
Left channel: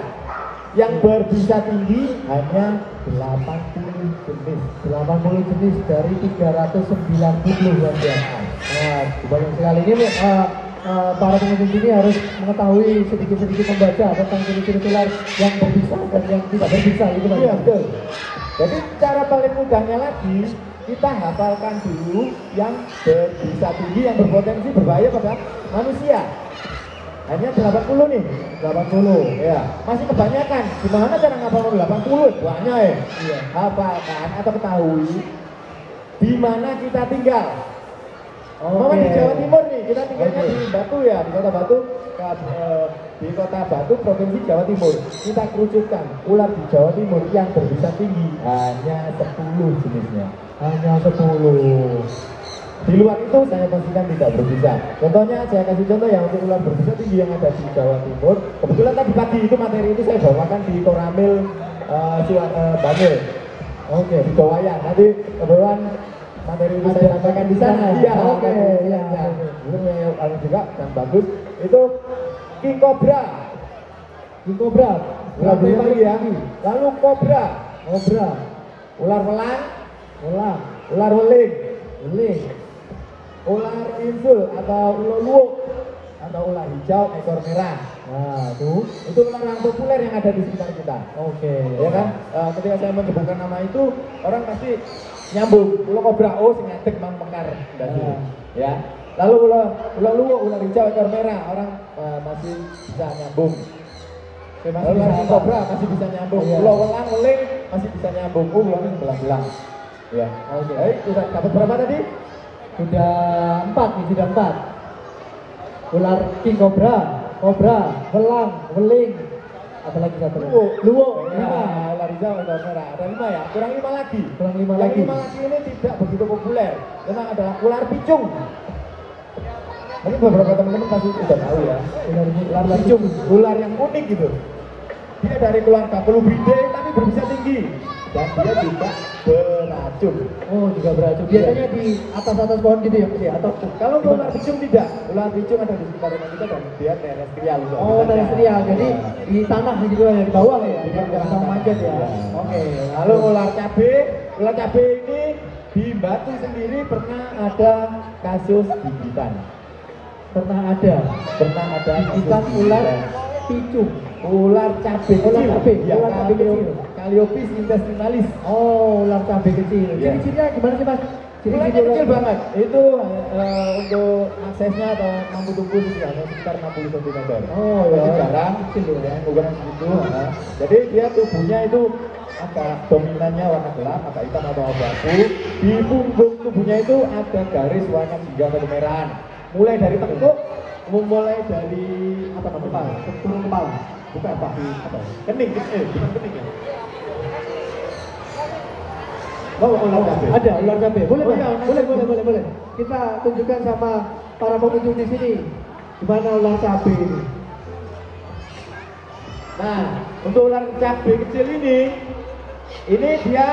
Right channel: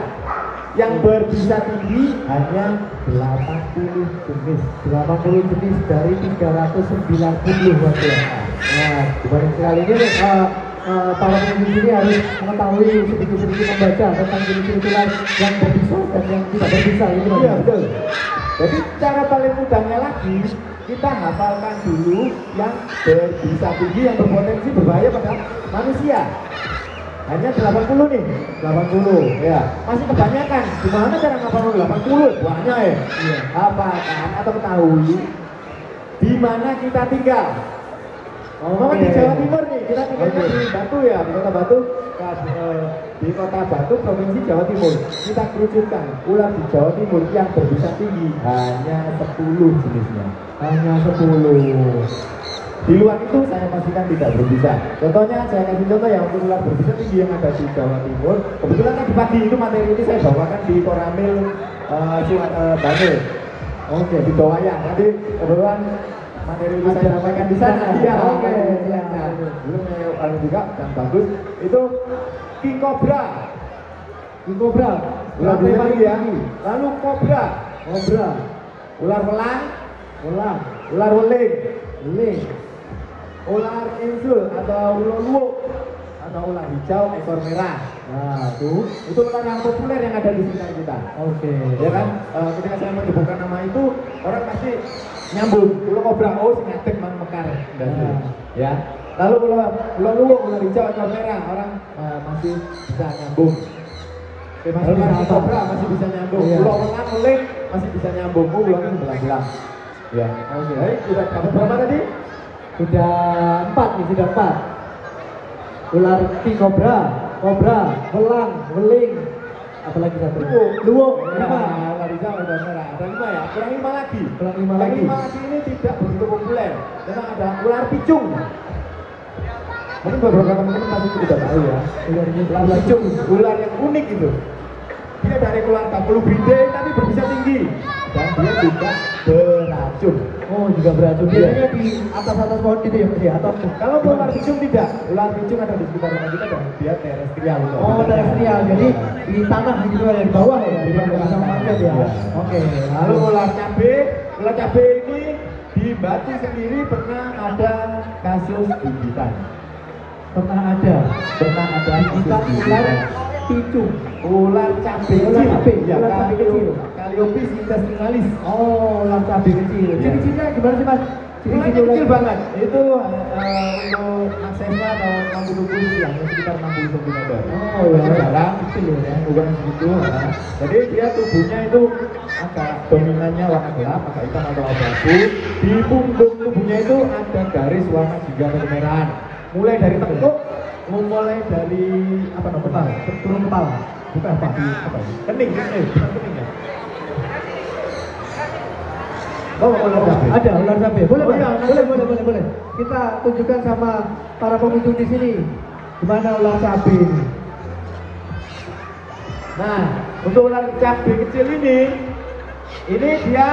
Yang berbisa tinggi hanya 80 jenis. 80 jenis dari 390 saja. Nah, banyak sekali ini para pengunjung ini harus mengetahui sedikit-sedikit membaca tentang jenis-jenis ular yang berbisa dan yang tidak berbisa. Iya, betul. Jadi cara paling mudahnya lagi, kita hafalkan dulu yang berbisa tinggi yang berpotensi berbahaya pada manusia. Hanya 80 nih, 80 ya. Masih kebanyakan. Gimana cara ngapalin 80? Banyak ya. Iya. Hafalkan atau ketahui di mana kita tinggal. Mama di Jawa Timur nih, kita tinggal di Batu ya, di Kota Batu, di Kota Batu, Provinsi Jawa Timur. Kita kerucutkan ular di Jawa Timur yang berbisa tinggi hanya 10 jenisnya. Hanya 10. Di luar itu saya pastikan tidak berbisa. Contohnya saya kasih contoh yang untuk ular berbisa tinggi yang ada di Jawa Timur. Kebetulan tadi pagi itu materi itu saya bawakan di Koramil Bangil. Oke, di Bawaya. Nanti kebetulan materi itu saya sampaikan di sana. Iya, oke. Itu yang paling juga dan bagus itu King Cobra. King Cobra. Ular tinggi ya. Lalu Cobra. Ular welang. Ular weling. Ular insul atau ular luwuk atau ular hijau ekor merah. Nah, itu ular yang populer yang ada di sekitar kita. Oke. Ya kan, ketika saya menyebutkan nama itu, orang pasti nyambung. Ular kobra, oh si ngadek mang mekar. Ya. Lalu ular luwuk, ular hijau ekor merah, orang masih bisa nyambung. Ular kobra masih bisa nyambung. Ular welang weling masih bisa nyambung. Ular belang-belang. Ya. Oke. Baik, sudah dapat berapa tadi? Sudah 4 sudah 4. Ular King Cobra, welang, weling, apalagi satu? Luwuk, 5. Ular hijau, ular merah. Ada 5 ya? Kurang 5 lagi. Kurang 5 Yang lagi. 5 lagi ini tidak begitu populer. Memang ada ular picung. Ini beberapa teman-teman pasti sudah tahu ya. Ular picung, ular yang unik gitu. Dia dari keluarga Colubridae tapi berbisa tinggi dan dia juga beracun. Oh, juga beracun. Biasanya di atas pohon gitu ya, Mas ya? Atau Kalau ular picung tidak, ular picung ada di sekitar rumah kita dan dia terestrial. oh, terestrial. Jadi di tanah gitu ya, di bawah ya, di bawah market ya. Oke. Lalu ular cabe ini di Batu sendiri pernah ada kasus gigitan. Pernah ada Gigitan ular picung. ular cabe Ular cabe, ya, ular cabe kecil. Calliope intestinalis. Oh, ular cabe kecil. Iya. Ciri-cirinya gimana sih, Mas? Ularnya kecil banget. Itu untuk aksesnya dan rambut tubuh hanya sekitar 60 cm. Oh, ya. Jarang kecil ya, bukan segitu. Jadi dia tubuhnya itu agak dominannya warna gelap, agak hitam atau abu-abu. Di punggung tubuhnya itu ada garis warna jingga atau kemerahan. Mulai dari tengkuk, mulai dari apa namanya? Empal. Bukan tapi kening kan? Kening ya. Oh, ular cabe. Ada ular cabe. Boleh. Kita tunjukkan sama para pengunjung di sini gimana ular cabe ini. Nah, untuk ular cabe kecil ini dia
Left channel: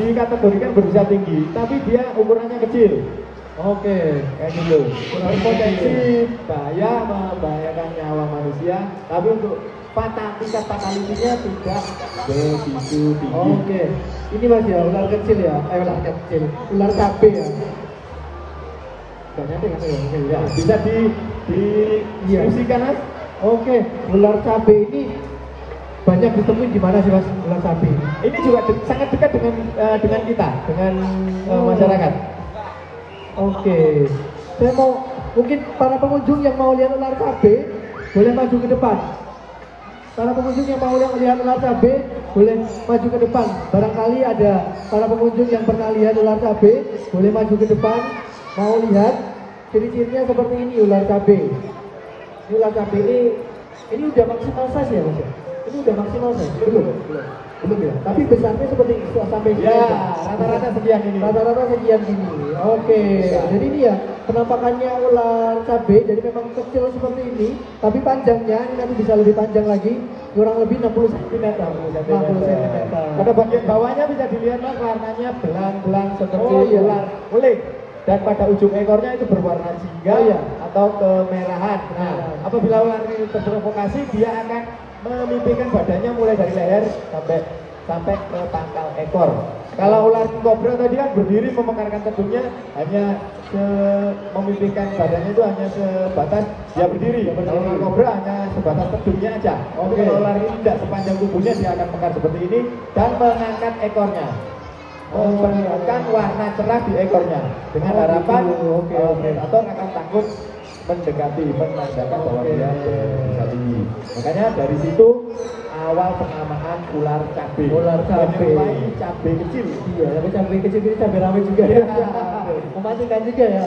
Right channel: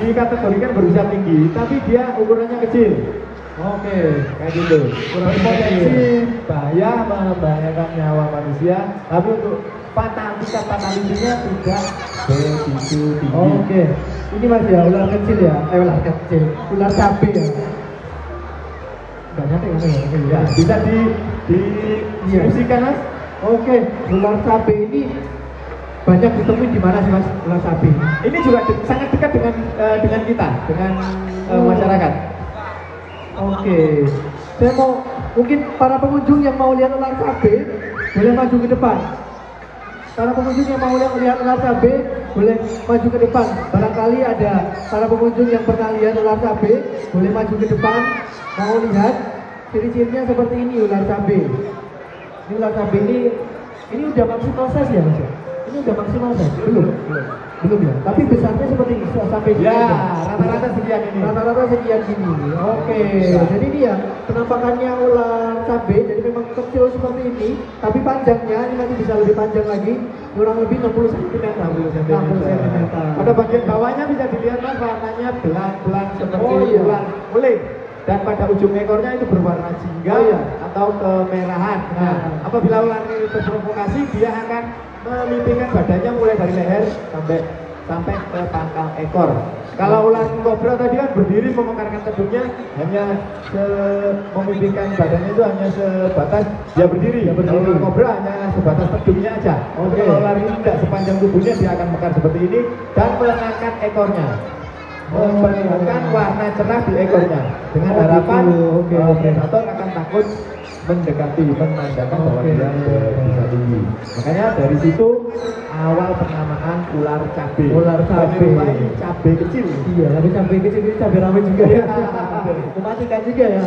dikategorikan berusia tinggi, tapi dia ukurannya kecil. Oke, kayak gitu. Ular kecil, bahaya, membahayakan nyawa manusia, tapi untuk tingkat fatalitasnya tidak begitu tinggi. Oke. Ini Mas ya, ular kecil ya. Ular kecil. Ular cabe ya. Ya, bisa diskusikan Mas. Oke, ular cabe ini banyak ditemui di mana sih Mas ular cabe? Ini juga sangat dekat dengan kita, dengan masyarakat. Oke, saya mungkin para pengunjung yang mau lihat ular cabe boleh maju ke depan. para pengunjung yang mau lihat ular cabe boleh maju ke depan. Barangkali ada para pengunjung yang pernah lihat ular cabe, boleh maju ke depan. Mau lihat ciri-cirinya seperti ini ular cabe. Ini ular cabe ini udah maksimal size ya Mas ya? Ini udah maksimal size? Belum ya? Tapi besarnya seperti ini sampai sini. Ya, rata-rata sekian ini. Rata-rata sekian gini. Oke, jadi ini ya penampakannya ular cabe, jadi memang kecil seperti ini, tapi panjangnya ini nanti bisa lebih panjang lagi, kurang lebih 60 cm. Pada bagian bawahnya bisa dilihat Mas, warnanya belang-belang seperti iya. ular kulit. Dan pada ujung ekornya itu berwarna jingga atau kemerahan. Nah, apabila ular ini terprovokasi, dia akan memimpikan badannya mulai dari leher sampai ke pangkal ekor. Kalau ular kobra tadi kan berdiri memekarkan tubuhnya, hanya memimpikan badannya itu hanya sebatas dia berdiri. Kalau ular kobra hanya sebatas tubuhnya aja. Kalau ular ini tidak sepanjang tubuhnya, dia akan mekar seperti ini dan mengangkat ekornya, menunjukkan warna cerah di ekornya dengan harapan predator akan takut mendekati, menandakan bahwa dia bisa tinggi. Makanya dari situ awal penamaan ular cabe. Ular cabe, cabe kecil. Iya, tapi cabe kecil ini cabe rawit juga ya. Mematikan juga ya.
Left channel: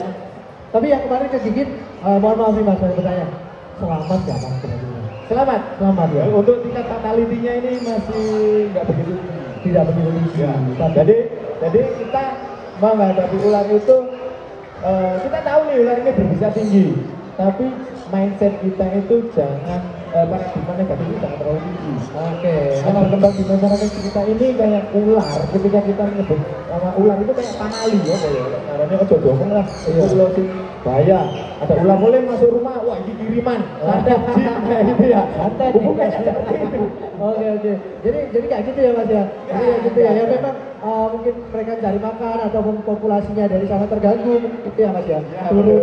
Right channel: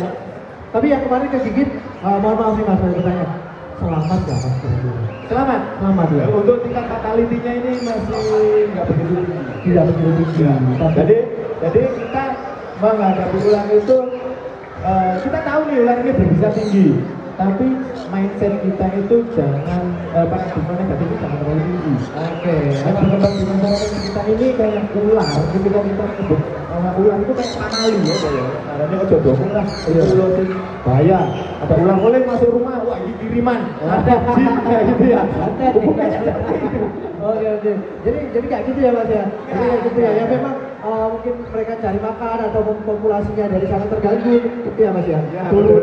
Tapi yang kemarin kegigit, mohon maaf nih Mas, saya bertanya, selamat nggak Mas? Selamat ya. Untuk tingkat fatality-nya ini masih nggak begitu tinggi. Tidak begitu tinggi. Jadi kita menghadapi ular itu, kita tahu nih ular ini berbisa tinggi, tapi mindset kita itu jangan paradigma negatif itu jangan terlalu tinggi. Oke. Karena berkembang di masyarakat kita ini kayak ular, ketika kita menyebut nama ular itu kayak panali ya, caranya coba lah, itu bahaya. Ada ular boleh masuk rumah, wah ini kiriman, santet, kayak gitu ya. Santet, Oke. Jadi kayak gitu ya Mas ya. Jadi kayak gitu ya. Ya memang mungkin mereka cari makan ataupun populasinya dari sana terganggu, itu ya Mas ya. Turun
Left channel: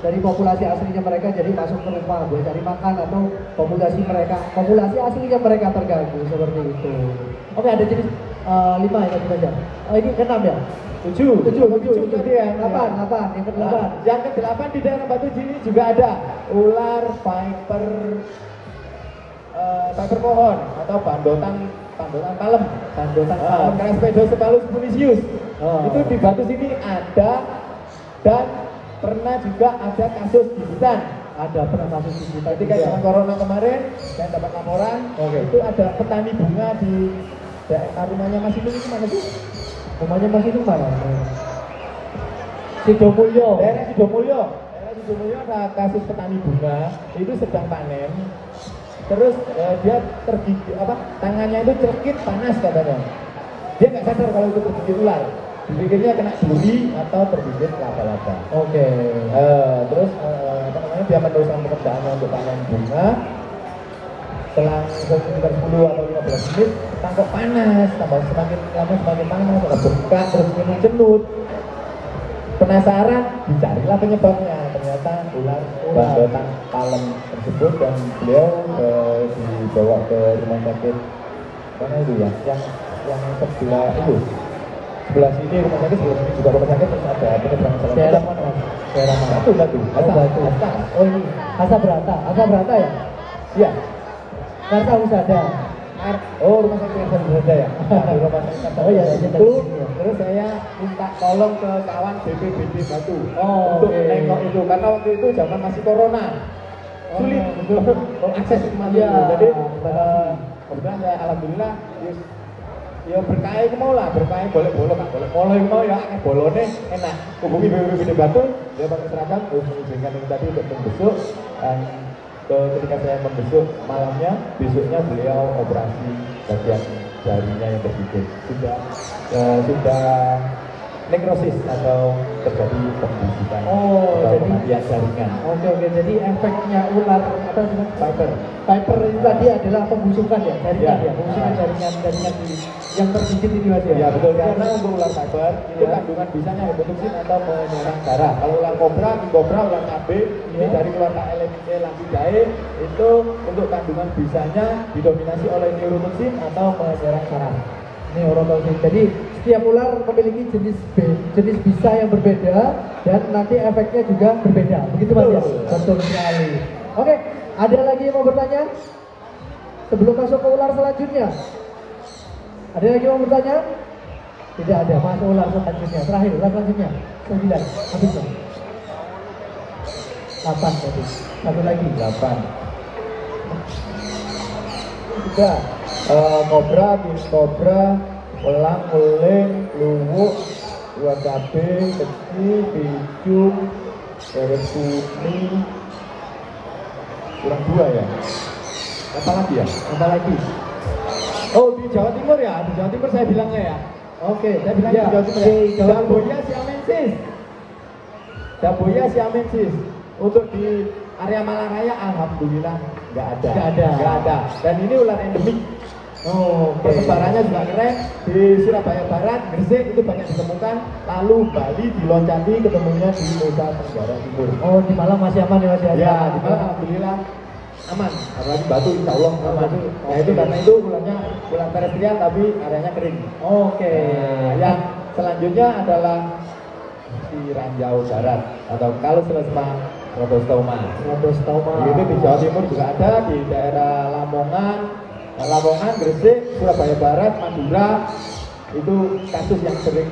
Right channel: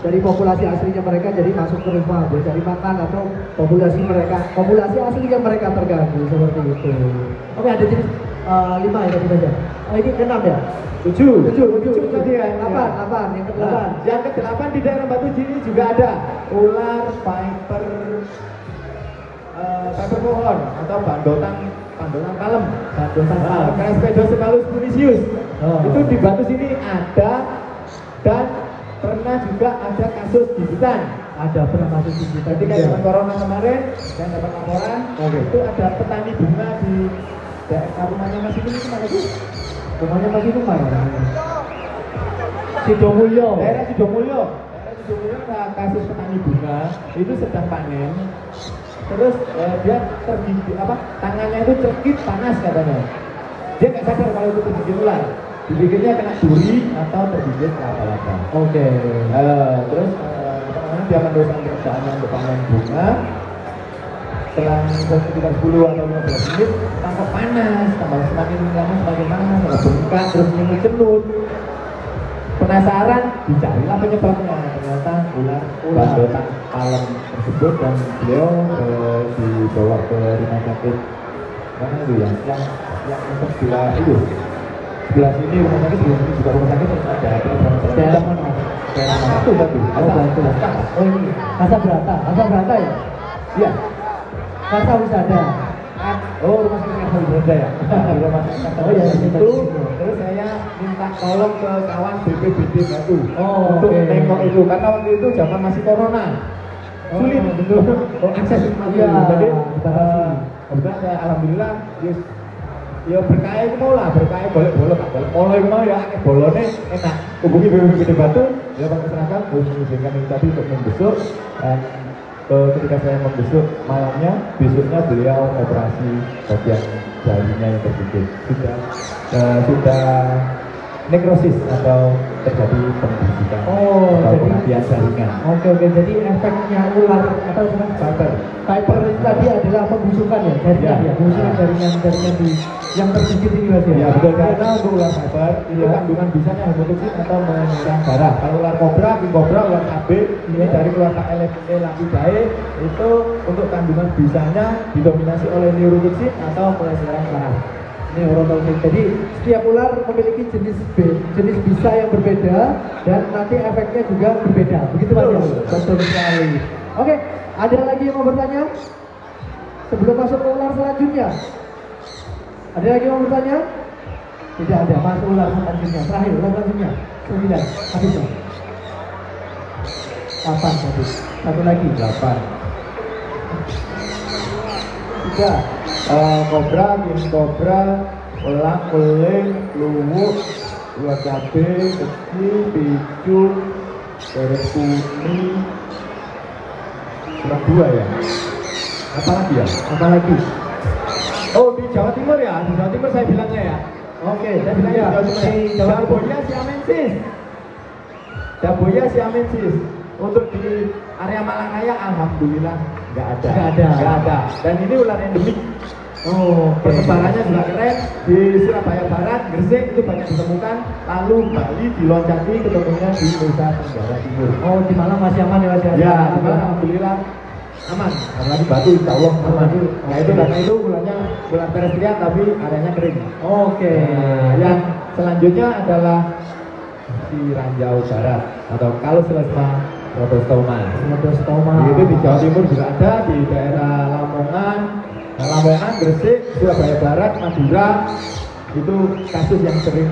dari populasi aslinya mereka jadi masuk ke rumah, jadi cari makan atau populasi aslinya mereka terganggu seperti itu. Oke, ada jenis 5 ya tadi saja. Ini 6 ya. 7 tadi ya. Apa? Yang ke-8 di daerah Batu Jini juga ada ular viper pohon atau bandotan kalem. Craspedocephalus punisius. Itu di Batu sini ada, dan pernah juga ada kasus gigitan. Pernah kasus gigitan. Ketika zaman corona kemarin, yang dapat laporan, itu ada petani bunga di rumahnya Mas itu mana sih? Rumahnya Mas itu mana? Sidomulyo. Daerah Sidomulyo ada kasus petani bunga itu sedang panen. Terus dia tergigit tangannya itu tergigit panas katanya. Dia nggak sadar kalau itu tergigit ular. Digigitnya kena duri atau tergigit laba-laba. Oke. Terus teman-teman dia meneruskan pekerjaannya untuk panen bunga. Setelah sekitar 10 atau 15 menit tangkap panas, tambah semakin lama semakin panas, bengkak, terus cenut. Penasaran, dicarilah penyebabnya. Ternyata ular bandotan kalem tersebut, dan beliau dibawa ke rumah sakit mana itu ya, yang sebelah itu, sebelah sini rumah sakit, sebelah sini juga rumah sakit, terus ada sama-sama daerah mana itu tadi, oh ini Asa Berata ya? Iya. Karta Wisada. Rumah sakit Karta Wisada ya. Rumah sakit Karta Wisada itu. Terus saya minta tolong ke kawan BPBD Batu untuk menengok itu, karena waktu itu zaman masih corona, sulit untuk mengakses rumah itu. Jadi kebetulan saya alhamdulillah ya berkah itu mau lah, berkah boleh pola itu mau ya, bolone enak. Hubungi BPBD Batu, dia masyarakat mengizinkan tadi untuk membesuk, dan ketika saya membesuk malamnya, besoknya beliau operasi bagian jarinya yang tergigit sudah nekrosis atau terjadi pembibitan. Jadi jaringan. Oke, jadi efeknya ular Viper itu tadi adalah pembusukan ya? Pembusukan jaringan di yang tergigit ini Mas ya? Ya betul, karena untuk ular Viper itu kandungan bisanya hemotoksin atau menyerang darah. Kalau ular kobra, ular cabe ini dari keluarga Elapidae itu untuk kandungan bisanya didominasi oleh neurotoksin atau menyerang darah. Jadi setiap ular memiliki jenis bisa yang berbeda, dan nanti efeknya juga berbeda. Begitu Mas ya? Betul sekali. Oke, ada lagi yang mau bertanya? sebelum masuk ke ular selanjutnya? Ada lagi yang mau bertanya? Tidak ada, masuk ular selanjutnya. Terakhir, ular selanjutnya 9, habis dong. 8 tadi, satu lagi 8. Sudah. Kobra, king kobra, elang, keling, luwuk, ular cabe, kecil, picung, terus putih. Kurang 2 ya. Apa lagi ya? Apa lagi? Oh, di Jawa Timur ya? Di Jawa Timur saya bilangnya ya. Oke, Saya bilangnya ya, di Jawa Timur. Jabonya siamensis. Jabonya siamensis. Untuk di area Malang Raya, alhamdulillah nggak ada. Nggak ada. Dan ini ular endemik. Oh, oke. Perkembangannya juga keren. Di Surabaya Barat, Gresik itu banyak ditemukan. Lalu Bali diloncati ketemunya di Nusa Tenggara Timur. Oh, di Malang masih aman ya Mas? Ya, alhamdulillah aman. Apalagi Batu, insya Allah aman. Nah itu karena itu ularnya ular pedestrian tapi areanya kering. Oke. Nah, yang selanjutnya adalah si ranjau barat atau kalau selesai Rhodostoma. Rhodostoma. Itu di Jawa Timur juga ada, di daerah Lamongan, Gresik, Surabaya Barat, Madura. Itu kasus yang sering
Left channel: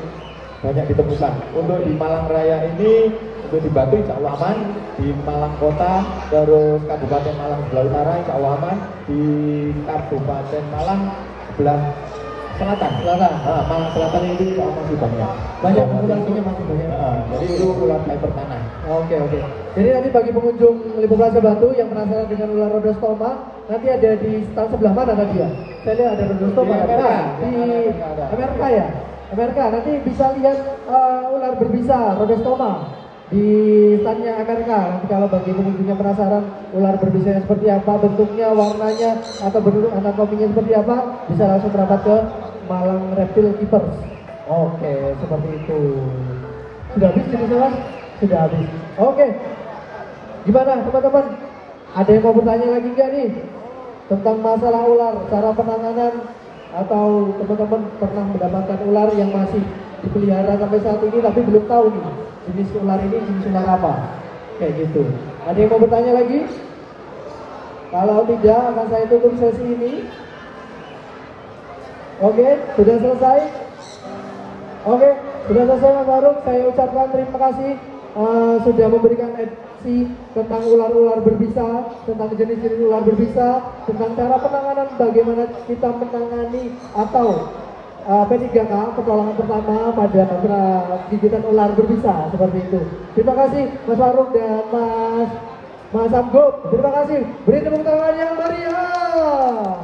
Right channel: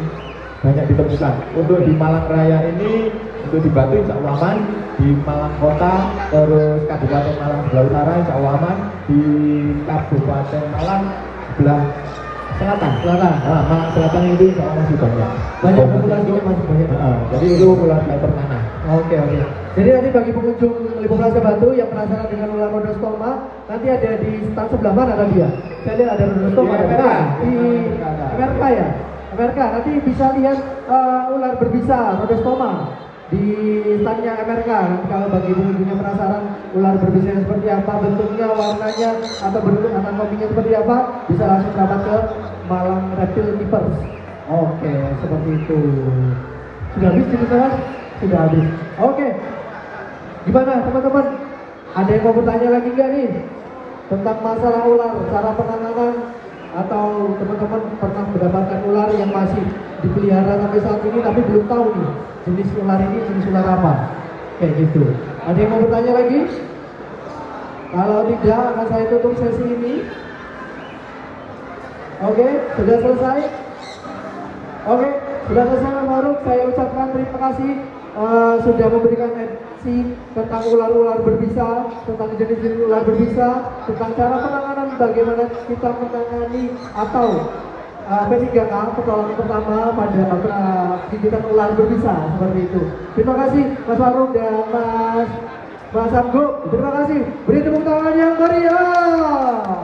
banyak ditemukan. Untuk di Malang Raya ini, untuk di Batu insya Allah aman, di Malang Kota, terus Kabupaten Malang sebelah utara insya Allah aman, di Kabupaten Malang sebelah selatan. Malang selatan itu insya Allah masih banyak. Banyak populasinya masih banyak. Jadi itu ular fiber tanah. Oke. Jadi nanti bagi pengunjung Lipo Plaza Batu yang penasaran dengan ular Rhodostoma, nanti ada di stand sebelah mana nanti ya? Saya lihat ada Rhodostoma Di MRK. di MRK ya. MRK nanti bisa lihat ular berbisa Rhodostoma di standnya MRK. Nanti kalau bagi pengunjungnya penasaran ular berbisa yang seperti apa, bentuknya, warnanya, atau bentuk anatominya seperti apa, bisa langsung merapat ke Malang Reptile Keepers. Oke, seperti itu. Sudah habis cerita Mas? Sudah habis. Oke. Gimana teman-teman? Ada yang mau bertanya lagi nggak nih? Tentang masalah ular, cara penanganan, atau teman-teman pernah mendapatkan ular yang masih dipelihara sampai saat ini tapi belum tahu nih jenis ular ini jenis ular apa? Kayak gitu. Ada yang mau bertanya lagi? Kalau tidak, akan saya tutup sesi ini. Oke, sudah selesai? Oke, sudah selesai Mas Faruk. Saya ucapkan terima kasih sudah memberikan edukasi tentang ular-ular berbisa, tentang jenis-jenis ular berbisa, tentang cara penanganan, bagaimana kita menangani atau P3K pertolongan pertama pada gigitan ular berbisa seperti itu. Terima kasih Mas Faruk dan Mas Anggo. Terima kasih. Beri tepuk tangan yang meriah.